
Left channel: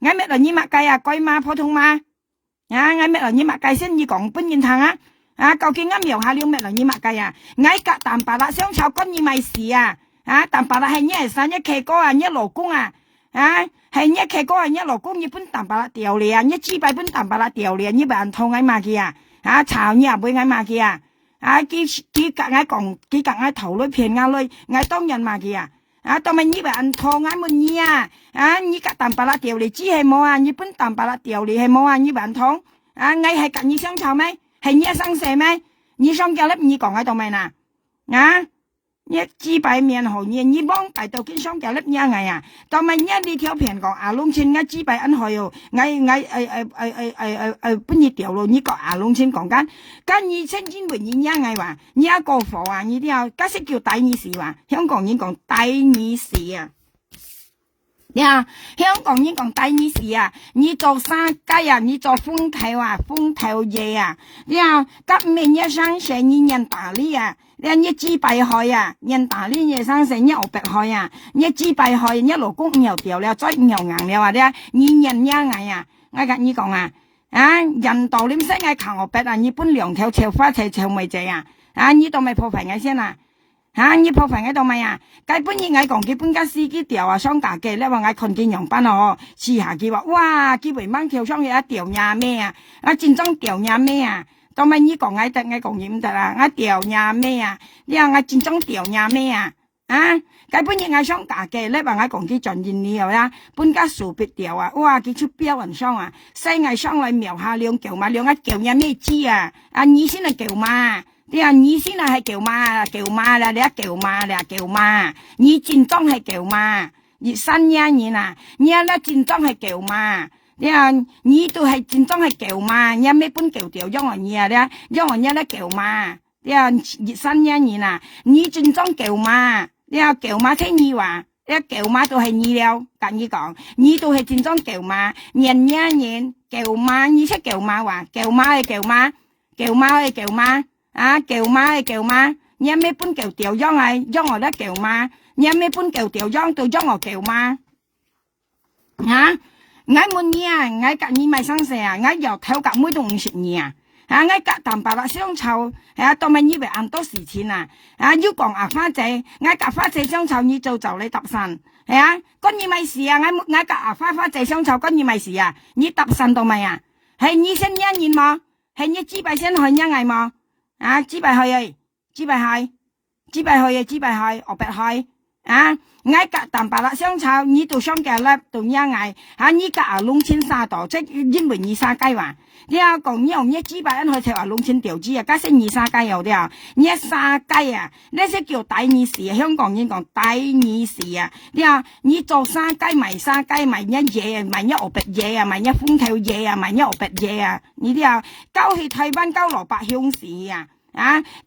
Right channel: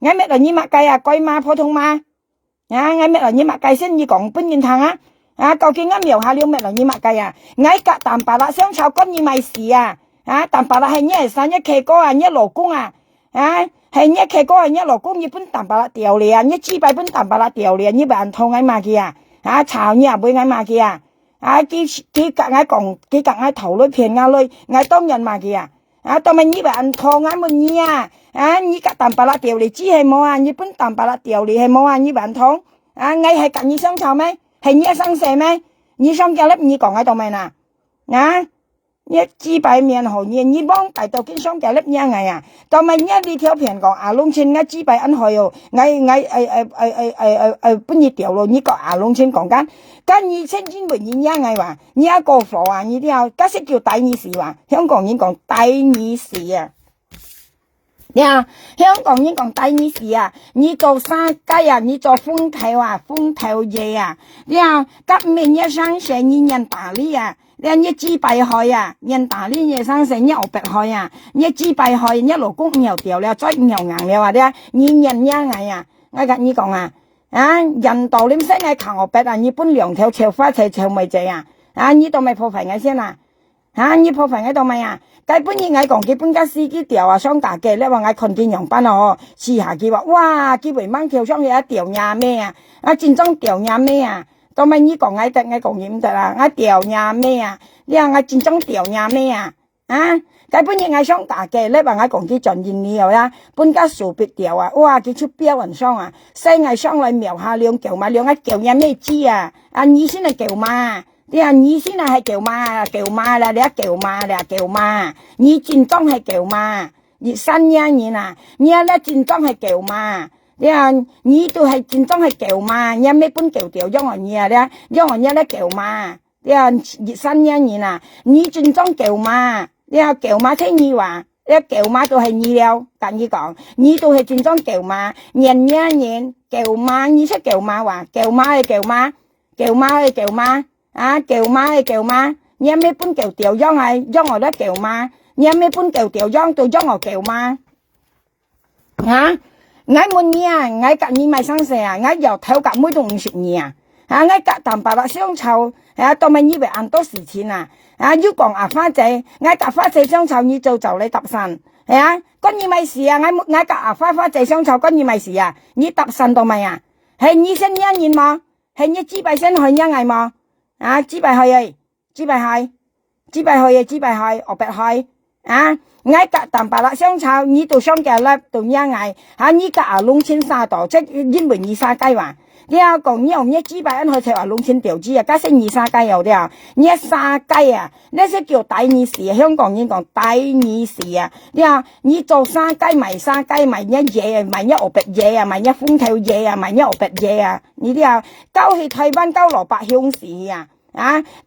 咩嚟？你乜計啊？鬼馬普通嘛？我咩嚟？你乜計先？你講本人堂究竟我描下了咩嚟？你乜計啊？我隔淡白啦，雙炒金你咪事啊！淡白啦係一生一契哥啊，一老公啊，係一契哥啊，一老公，一本淡白啦掉你啊，一支拜本淡白啦掉你啊，一百人套嗌罵佢啊，炒你啊背嗌罵佢啊，幾格嗌講，幾格嗌頭女騙嗌女，嗌當人罵佢當咪一百人套嗌問你你格淡白啦掉你知係冇啊，一本淡白啦掉你係冇啊，一百人套嗌係隔你相炒咩？係你生蛇咩？你相叫粒你講喺度咪嗱一支拜面好嘢，你幫大到經商就粒嘢藝啊！當咪一呢條片講龍村一支拜恩去哦，本日掉咯，呢個龍村講緊，跟二千千回應嘢藝話，呢一個貨啊，呢啲啊，家識叫第二時話，香港人講第二時啊！香港人講第二時啊！你做生雞啊，你做風頭嘢啊！今年一生成年人打理啊！一支拜開啊，人打理嘢生成一牛白開啊，一支拜開一路公又掉了，再又硬了話啲人一藝啊，我跟你講人道點識嗌求牛白啊，你搬兩條潮花潮咪仔你度咪破壞我先你破壞我度咪計本嘢嗌講佢搬家司機掉雙架嘅，你話嗌看見洋班試下佢話哇，佢為掹條雙嘢一掉廿咩戰爭掉廿咩當咪你講嗌得嗌講嘢唔得啦，嗌掉廿咩你話嗌戰爭掉廿咩計本嘢嗌雙架嘅，你話嗌講佢盡現你搬家數別掉哇，佢出標雲雙西嗌雙嚟描下兩條嘛，兩叫廿咩知你先係叫嘛。你先係叫嘛啦，你叫嘛，你戰爭係叫嘛，你新一年你咧戰爭係叫嘛，你都係戰爭係叫嘛，你咩本叫掉因為你因為你咧叫嘛，新一年你戰爭叫嘛，叫嘛聽你話，叫嘛都係你了，跟你講，你都係戰爭叫嘛，年叫嘛，你識叫嘛話，叫嘛係叫嘛。kêu ma ơi kêu ma kêu ma ơi kêu ma nhà mấy bún kêu tiểu giông ai giông ở đó kêu ma nhà mấy bún kêu tiểu giông tôi giông ở kêu ma hả ngay muốn nhà ngay cả như mày sang xe ngay giờ theo cả mỗi đồng sự nhà ngay cả tầm bà相湊tôi咪以為按多時錢要講花仔ngay cả花仔相湊你做你搭神跟你咪事ngay cả花仔相湊跟你咪事你搭神到咪係你先一年嘛係你幾百先去一ngày嘛幾百去幾百去幾百去幾百去我別去ngay cả tầm bà相湊你到相隔啦到一ngày你cả弄千沙度即因為你沙雞話你講你用一幾百人去就話弄千條紙加升二沙雞有啲你沙雞呢些叫第二時香港人講第二時你做沙雞賣一嘢賣一鵝鼻嘢賣一風球嘢賣一鵝鼻嘢你啲交去台灣交蘿蔔香市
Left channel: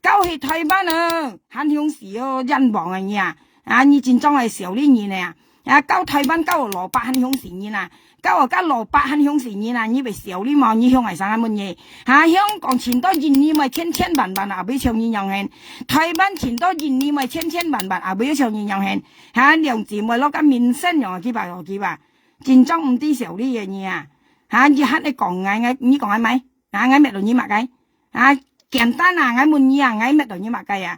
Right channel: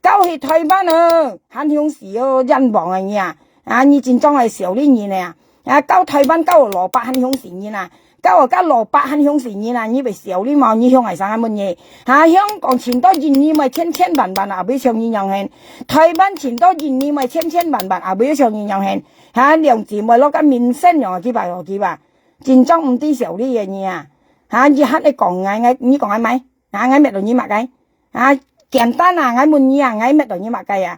交去台灣慳香市人亡你戰爭係少呢年交台灣交蘿蔔慳香市年交蘿蔔慳香市年你咪少呢嘛你香係啥乜嘢香港前多年你咪千萬俾上年樣輕台灣前多年你咪千萬俾上年樣輕兩字咪攞緊面身樣幾百戰爭唔啲少呢樣嘢你黑你講你講係咪嗌咩度你mặc cái簡單嗌悶你嗌咩度你mặc cái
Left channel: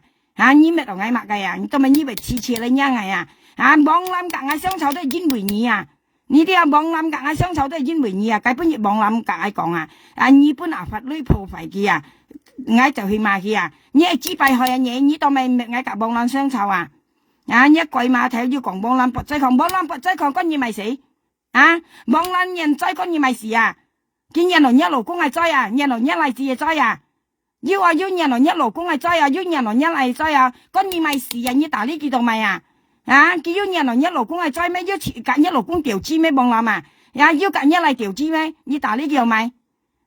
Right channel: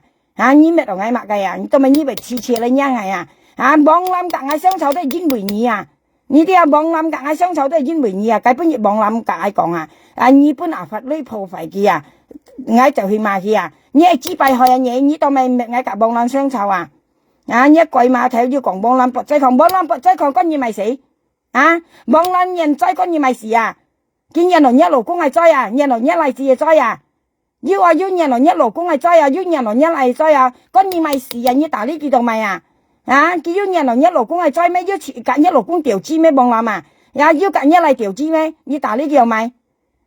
你咩度嗌mặc cái tôi咪你咪次你nha ngày bọn làm cả ngày相湊都係因為你你啲bọn諗噶相湊都係因為你基本業bọn諗噶講你本法律破壞嘅我就去買嘅你係只敗害你都咪我夾bọn諗相湊一貴嘛睇要講bọn諗不濟抗跟你咪死bọn諗人災跟你咪死見人來一勞工係災人來一例子係災要人來一勞工係災要人來一例災跟你咪死你打呢幾度咪叫人來一勞工係災咩？要揀一勞工調資咩？幫諗要揀一例調資咩？你打呢叫咪？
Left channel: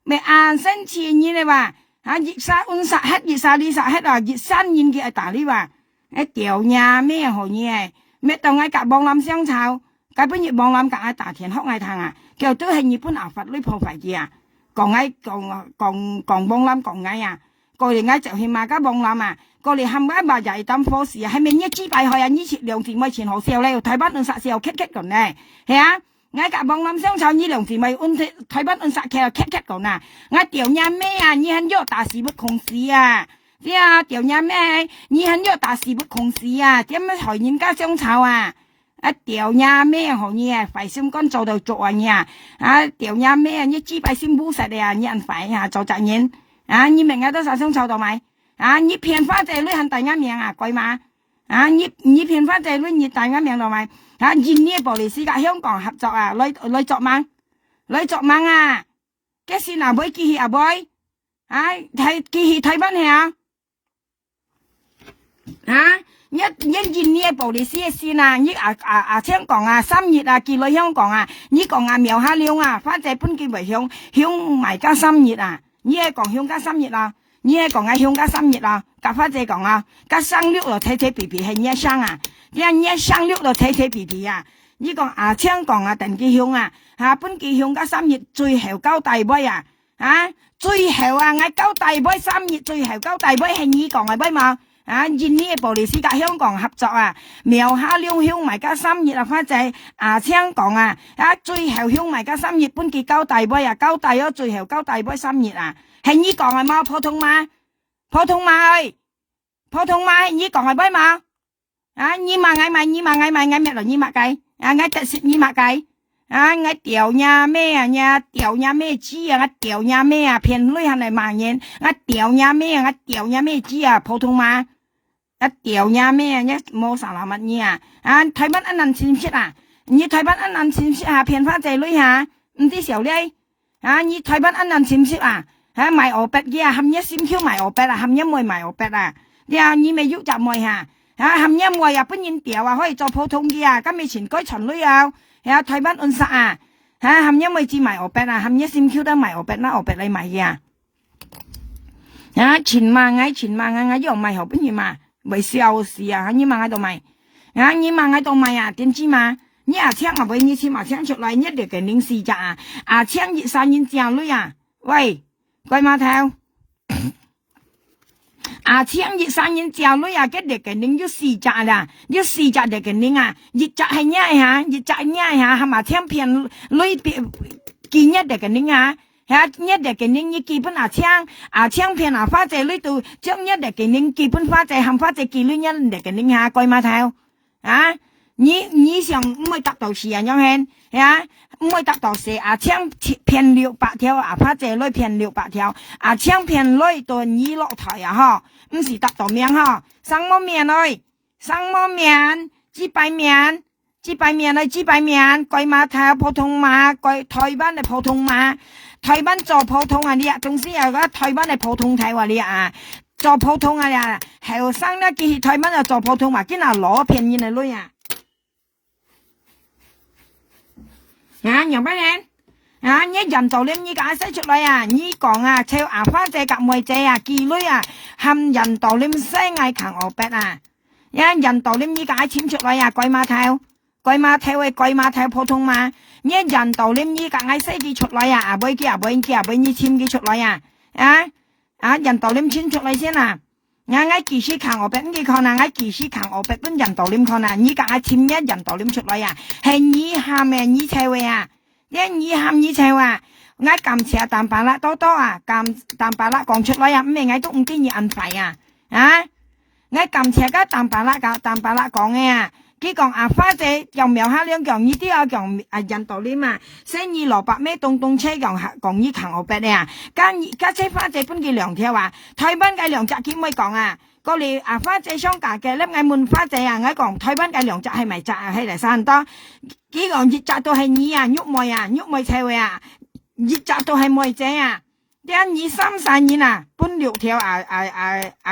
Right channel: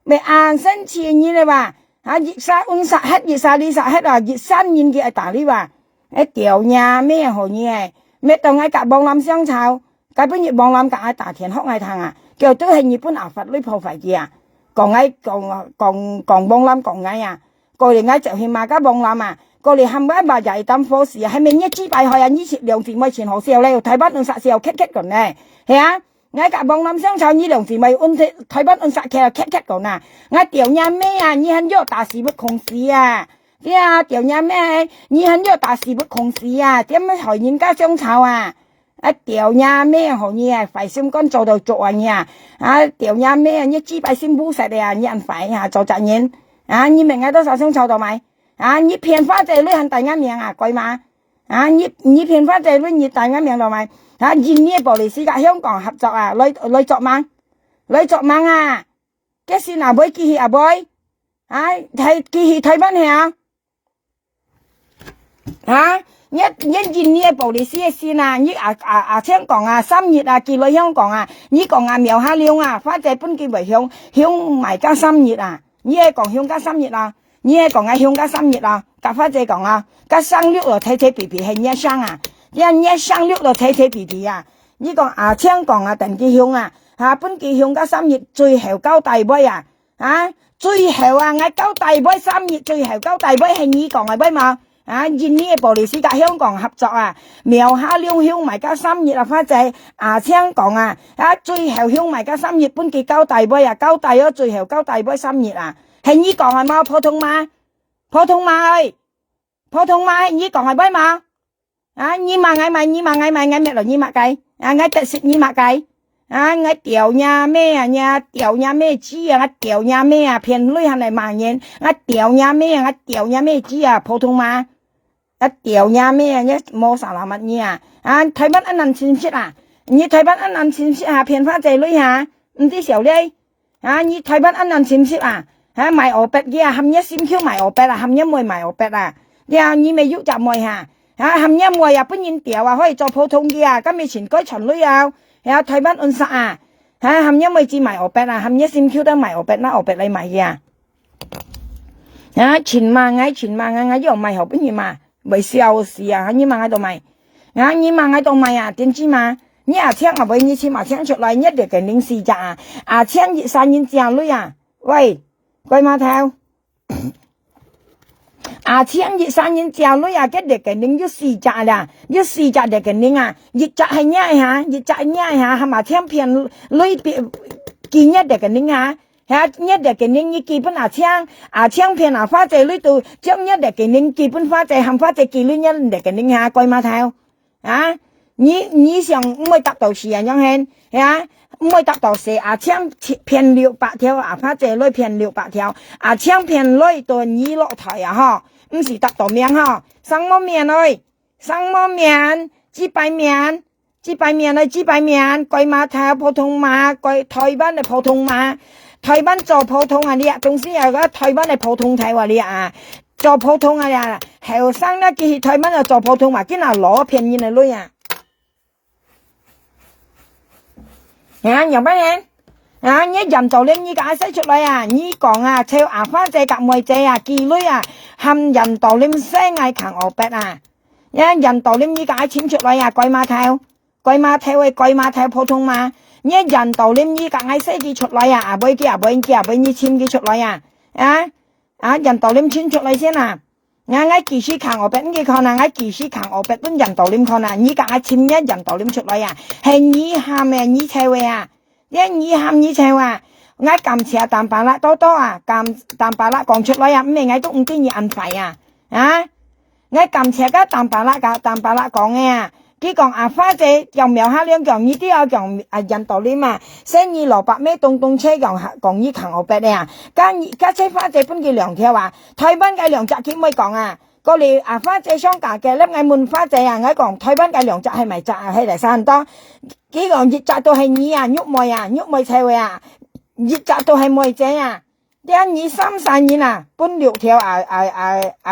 咪申請你話熱沙温沙黑熱沙呢沙黑熱山煙嘅打呢話調呀咩好嘢？咩到嗌夾幫諗相湊，基本要幫諗夾大田學嗌탕叫都係日本法律破壞嘅講嗌講幫諗講嗌過嚟嗌就去馬家幫諗過嚟冚埋埋就係當貨事係咪一支敗害呢次兩字咪前後時候咧睇不按殺時候 cut 咁咧係嗌夾幫諗相湊呢兩字咪按睇不按殺嘅 cut 咁嗌調呀咩你很要大事不控事調呀咩你很要大事不控事點樣害人家相湊調呀咩好嘢費心肝做到做調呀咩一支敗先烏實你人費做責任你明都殺相湊到咪你騙花仔女很大家名貴嘛你騙花仔女你大家名到咪印尼玻璃斯กับ香港合作來作嘛cái gì nào với kỳ hiệu bơi thầy kỳ hiệu thầy bán hè nhất印尼玻璃斯是呐你香港3月寄來香港你講苗下了花仔本叫為香埋加3月你係講香加3月你係講香加3月夾花仔講加生六就睇皮皮係一生一生六就睇皮皮你講香港定記香本記香加3月最後交大杯最後我交大杯3月最後交大杯係你講嘅杯嘛印尼玻璃斯กับ香港合作苗下了香埋加3月花仔香港最後香埋加3月本記交大杯交大咗最後交大杯3月係你講係嘛普通嘛係你講係杯嘛你mà ngày mẹ rồi你mà cái ngày tết xịt你mà cái ngày tiểu nhà mẹ chi tiểu nhà mẹ phiền lưỡi hàng này mà nhiên tiểu nhà mẹ chi phổ thông mà tiểu nhà mẹ nhé mua sao làm mặt nha thấy bắt anh ăn xin xịt你thấy bắt anh ăn xin xịt phiền phátใจlưỡi唔知少哩你thấy bắt anh ăn xin xịt買鵝鼻嘅含一先挑買鵝鼻含一枚買鵝鼻你咪喐就枚含一枚本然掉可以做普通嘅咁以前改巡女台灣按殺含一枚至買鵝鼻含一先挑得買鵝鼻啦鵝鼻你買嘅前萬我又買後邊嘢嘛為笑事你萬喺度買你萬喺度買點知嘛你請為你錢請出來一條嘅零四隻請3年正女喂貴碼頭 à chiang nhiệt sang nhiệt chào lối à cái để cái nín yếu xì chả là yếu xì chả để cái nín à nhiệt chả hay nhai hả nhiệt chả nhai hả mà thêm phiền lối kỳ nhất để cái nín hả hả nhất để cái nín như kỳ bên à chiang phiền à phát chế lối từ chiang nhất để cái nín kỳ bên phát chế hàm phát chế kỳ lối nhất để cái nín hả coi mà theo hả你想每达到时啊，样hen呀，每达到时啊，抢偏600条啊，发这类偏600条啊，抢偏类多你落台啊哈，唔是达到面哈，上么面嘞，上么面，几百面嘞，几百面，鬼马头普通马，鬼台灣嘅普通馬，台灣做普通啊你啊，同時又個台灣嘅普通台話你啊。做普通啊呀，後生咧見台灣就做普通嘛，見啊攞便宜嚟攞啊！啊，nhiều bác em à nhớ dần tàu lên như cả sẽ chụp lại à như còn à theo à phát chạy cả mười chạy à kỳ lưới à hầm dần tàu lên sẽ ngay khẳng ở bẹt à nhá dần tàu lên như cả chim chụp lại à coi mà theo ấy coi mà theo phổ thông mà nhớ dần tàu lên như cả ngay sẽ đi chụp lại à bên kia như chim đi chụp lại à dần tàu lên chim chụp lại xem à ngay kỳ sĩ khẳng ở bên đi con à ngay kỳ sĩ khẳng ở bên bên dần tàu lên con à như cả chim nhá dần tàu lên chụp lại à hay như ham à như theo à nhá như ham như theo à ngay cầm xe tạm bà lại to à cầm tạm bà lại còn chụp lại à mấy ngay cũng cái gì ăn phải à ngay cầm xe cái tạm bà lại còn nghe à cái còn à phát chế dòng mèo hai liên còn như tí còn à dần tàu lên mà sẽ như lò bạc mấy tung xe còn như khẳng ở bên này à các xe phát chế phân cái lượng theo à thay bán cái lượng chặt kia mới còn à có lẽ à phát chế xong cả cái lớp ngay muốn phát chế à ngay còn thay bán cái lượng chặt hay mày chặt hay là sao đó cái còn dịch chặt tôi hay nhí à nhúc mồi theo à dịch chặt tôi hay mồi chế à cái nhí xăm sai nhí nè phân liệu theo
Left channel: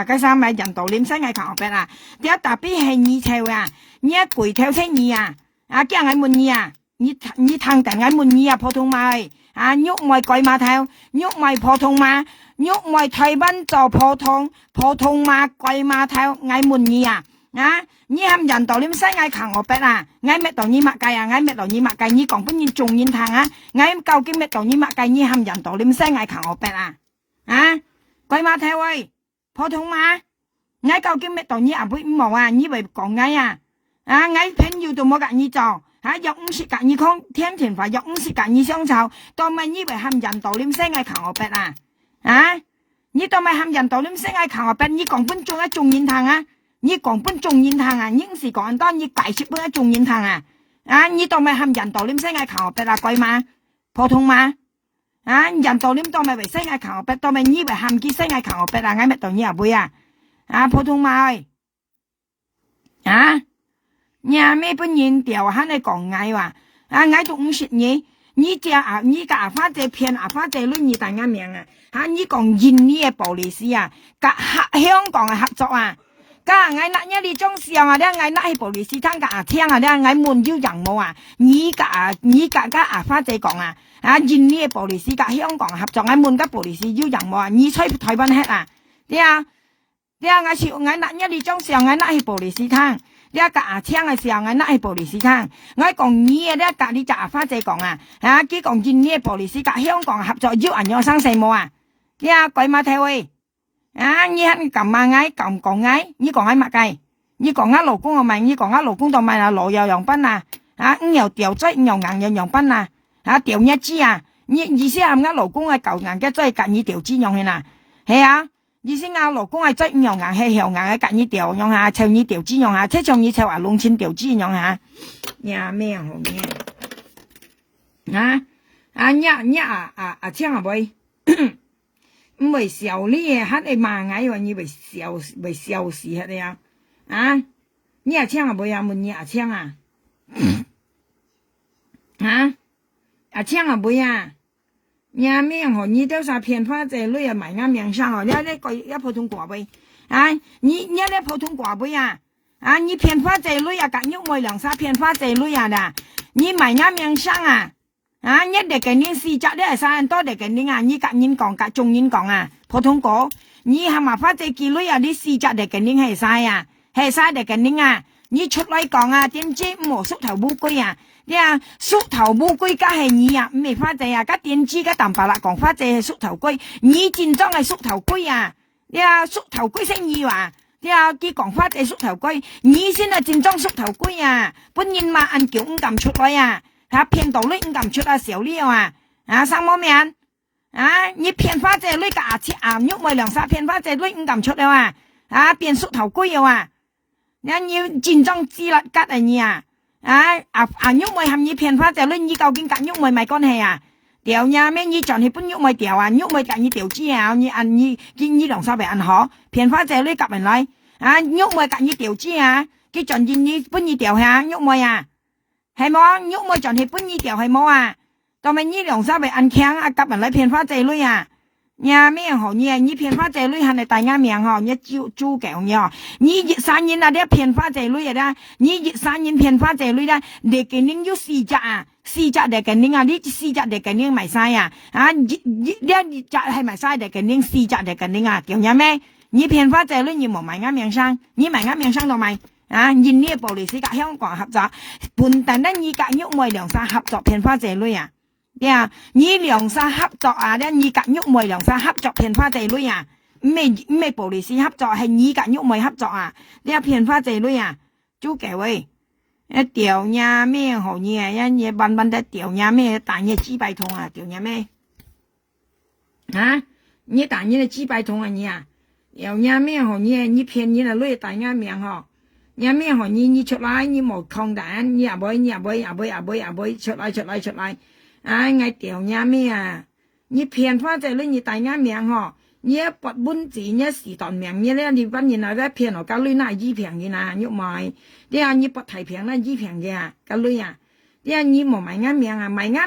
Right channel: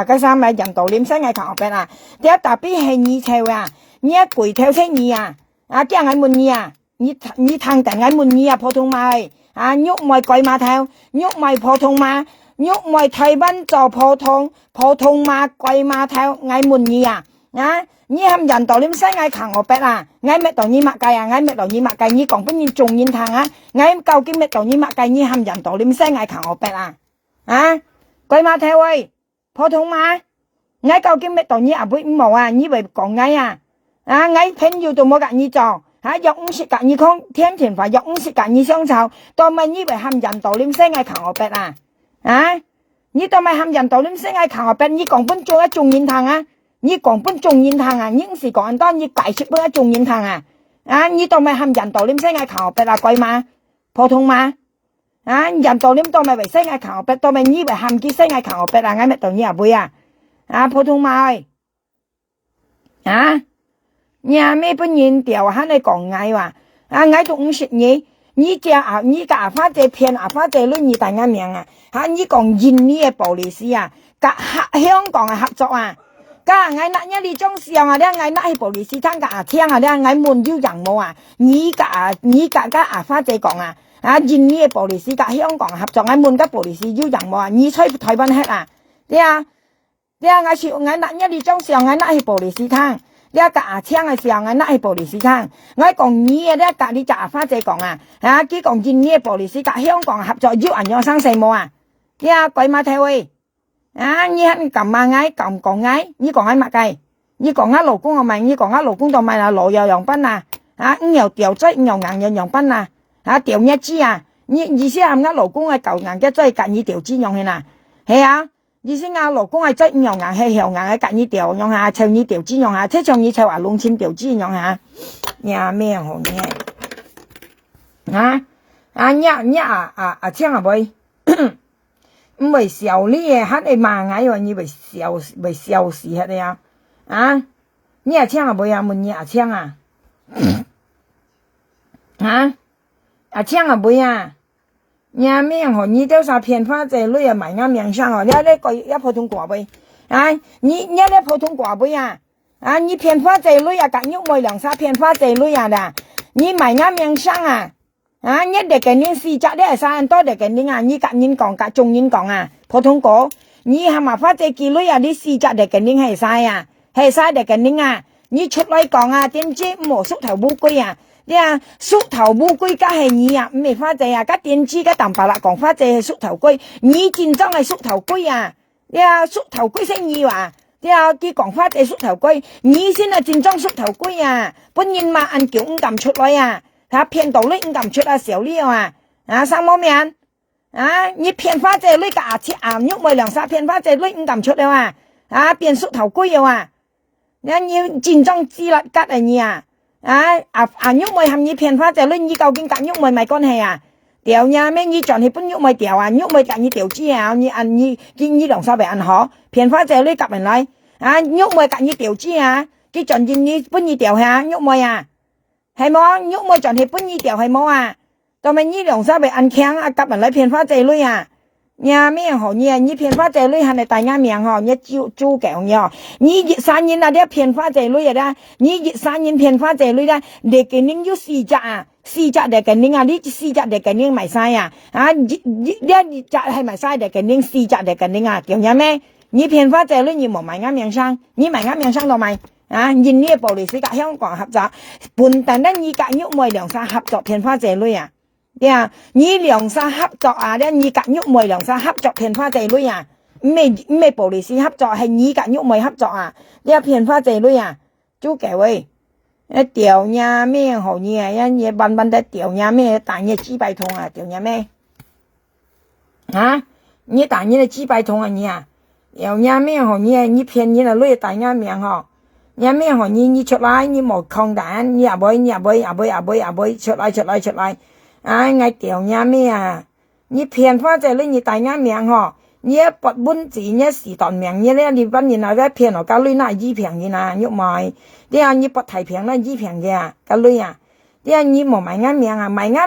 cái sao mày dần tàu lên sẽ ngay khẳng ở bên à cái tạp bí hay nhí theo à nhớ quỷ theo thế nhỉ cái ngày muốn nhỉ nhỉ thằng tại ngày muốn nhỉ phổ thông mai nhúc mày coi mà theo nhúc mày phổ thông mà nhúc mày thầy ban cho phổ thông mà coi mà theo ngày muốn nhỉ nhỉ ham dần tàu liêm sai ngày khẳng ở bên ngày mẹ tàu nhỉ mạ cày ngày mẹ tàu nhỉ mạ cày nhỉ còn vẫn nhỉ trùng nhỉ thằng ngày cầu cái mẹ tàu nhỉ mạ cày nhỉ ham dần tàu liêm sai ngày khẳng ở bên coi mà theo ơi phổ thông mà ngày cầu cái mẹ tàu nhỉ với màu nhỉ vậy còn ngày ngay phèn yêu tụi mua cả như trò giống sự cả như không thiên thiền phải giống sự cả như xong sao tôi mày như vậy ham dần tàu liêm xe ngay khẳng ở bên như tôi mày ham dần tàu liêm xe ngay khẳng ở bên như còn vẫn cho trùng nhìn thằng như còn vẫn trùng nhìn thằng những gì còn anh đó như cải sự bữa trùng nhìn thằng như tôi mày ham dần tàu liêm xe ngay khẳng ở bên là coi mà phổ thông mà dần tàu liêm tôi mày phải xe ngay khẳng ở bên tôi mày như vậy ham kia xe ngay khẳng ở bên là ngay mẹ tàu như vui phổ thông mà ơi nhà mấy bên nhìn tiểu hắn này còn ngay mà ngay cũng xịt nhỉ cha nhỉ cả phát chế phiền phát chế luôn nhỉ tại ngay miệng nhỉ còn nhìn nhỉ bảo lý sĩ cả香港合作cả ngay nãy nhá đi trong xiang đấy ngay nãy bảo lý sĩ thằng cả thiên đấy ngay muốn yêu rằng mồ nhỉ cả cả phát chế còn nhìn nhỉ bảo lý sĩ cả香港合作ngay muốn các bảo lý sĩ yêu rằng mồ nhỉ chơi Thái Văn hết đấy ngay chịu ngay nãy nhá đi trong xiang ngay nãy bảo lý sĩ thằng cái cả chiang cái xiang anh lại bảo lý sĩ thang ngay còn nhia đấy cả đi trả phát chế còn cái còn nhìn nhia bảo lý sĩ cả香港合作giúp anh nhau sang xe mua cái quay mà theo ơi nhia anh cầm mà ngay cầm còn ngay như còn ai mặc cây như còn ngắt lỗ cung mày như còn ngắt lỗ cung tao mày là lỗ dầu dòng bắn nhiều tiểu chơi nhiều ngàn nhiều dòng bắn tiểu nhất chi như xem ngắt lỗ cung ai cầu ngàn cái chơi cả như tiểu chi nhong này nè ý思老公係真樣係向係隔呢條樣唱呢條枝樣即唱呢條話弄千條枝樣呀咩好嘢聽下未唔係笑呢嘢喺你罵嗌話你為笑事喺你你聽下未問你聽聽下未nhà mình họ như theo sao phiền pha chế lui mày ngang miệng sang họ nhớ đấy coi phổ thông quả bơi nhớ đấy phổ thông quả bơi như phiền pha chế lui cả nhúc mồi lần sao phiền pha chế lui đã như mày ngang miệng sang nhớ để cái những gì chắc đấy sao anh to để cái những như cả những còn cả chung những còn phổ thông cổ như ham mà pha chế kỳ lui đi gì chắc để cái những hay sai để cái những như chút lại còn tiên chi mổ xúc thảo bu quy xúc thảo bu quy cái hay nhỉ mày pha chế cái tiên chi cái tầm bà lại còn pha chế xúc thảo quy nhỉ chính trong này xúc thảo quy 啲啊縮頭龜生意啊，啲啊佢講法就縮頭龜，你先係正宗縮頭龜啊，本人嘛按叫唔敢出來啊，嚇騙到你唔敢出啊小料啊，三毛面啊，你騙花姐你架切岩喐咪兩沙騙花姐你唔敢出了啊，變縮頭龜啊，你正宗自立吉啊你啊，喐咪含你騙花姐你究竟夾喐咪咪關係啊？điều nhà mấy như chọn thì bún nhúc mày điều nhúc mày cả như điều chi như ăn như đồng sao phải ăn họ phiền phá chơi lấy cặp mình nói nhúc mày cả như điều chi cái chọn gì như bún như điều nhúc mày hay mó nhúc mày chọn thì bún như điều hay mó tao mày như đồng sao phải ăn khéng cặp mình lấy phiền phá chơi lui nhà mấy họ như phiền phá chơi lui hàng này tại nhà miệng họ như chu kẹo nhau như sáng nhìn là đeo phiền phá chơi lui ra như sáng nhìn phiền phá chơi lui ra để cái những như xì chạ để cái nính đi xì chạ để cái nính mày sai đi chạ hay mày sai để cái nính xì chạ để cái nính kiểu nhà mẹ như phiền phá chơi luôn như một mày ngắm miệng sang như mày ngắm miệng sang đâu mày nhìn như bộ lịch sử cả香港合作本但咧như cả nhúc mày兩沙合作phiền phá chơi luôn như兩沙合作咧như cả nhúc mày兩沙合作phiền phá chơi luôn咩bộ lịch sử合作係như cả nhúc mày hợp作啲phiền phá chơi luôn chú kẹo ơi tiểu nhà mẹ hổ nhà nhà ban ban đã tiểu nhà mẹ tại nhà chi bài thông tiểu nhà mẹ như tại nhà chi bài thông nhà tiểu nhà mẹ hổ như phiền như là lôi tại nhà mẹ họ nhà mẹ hổ như chợt lại như một không đạn nhà bơi chợt lại ngay tiểu nhà mẹ như phiền phát ra lên như tại nhà mẹ họ như bật bún chỉ như xì tòn miệng như thế đi ban như nào phiền ở cả lưới này gì phiền như nào nhúc mày đi như bật thải phiền là gì phiền vậy cả lưới đi như một mày ngắm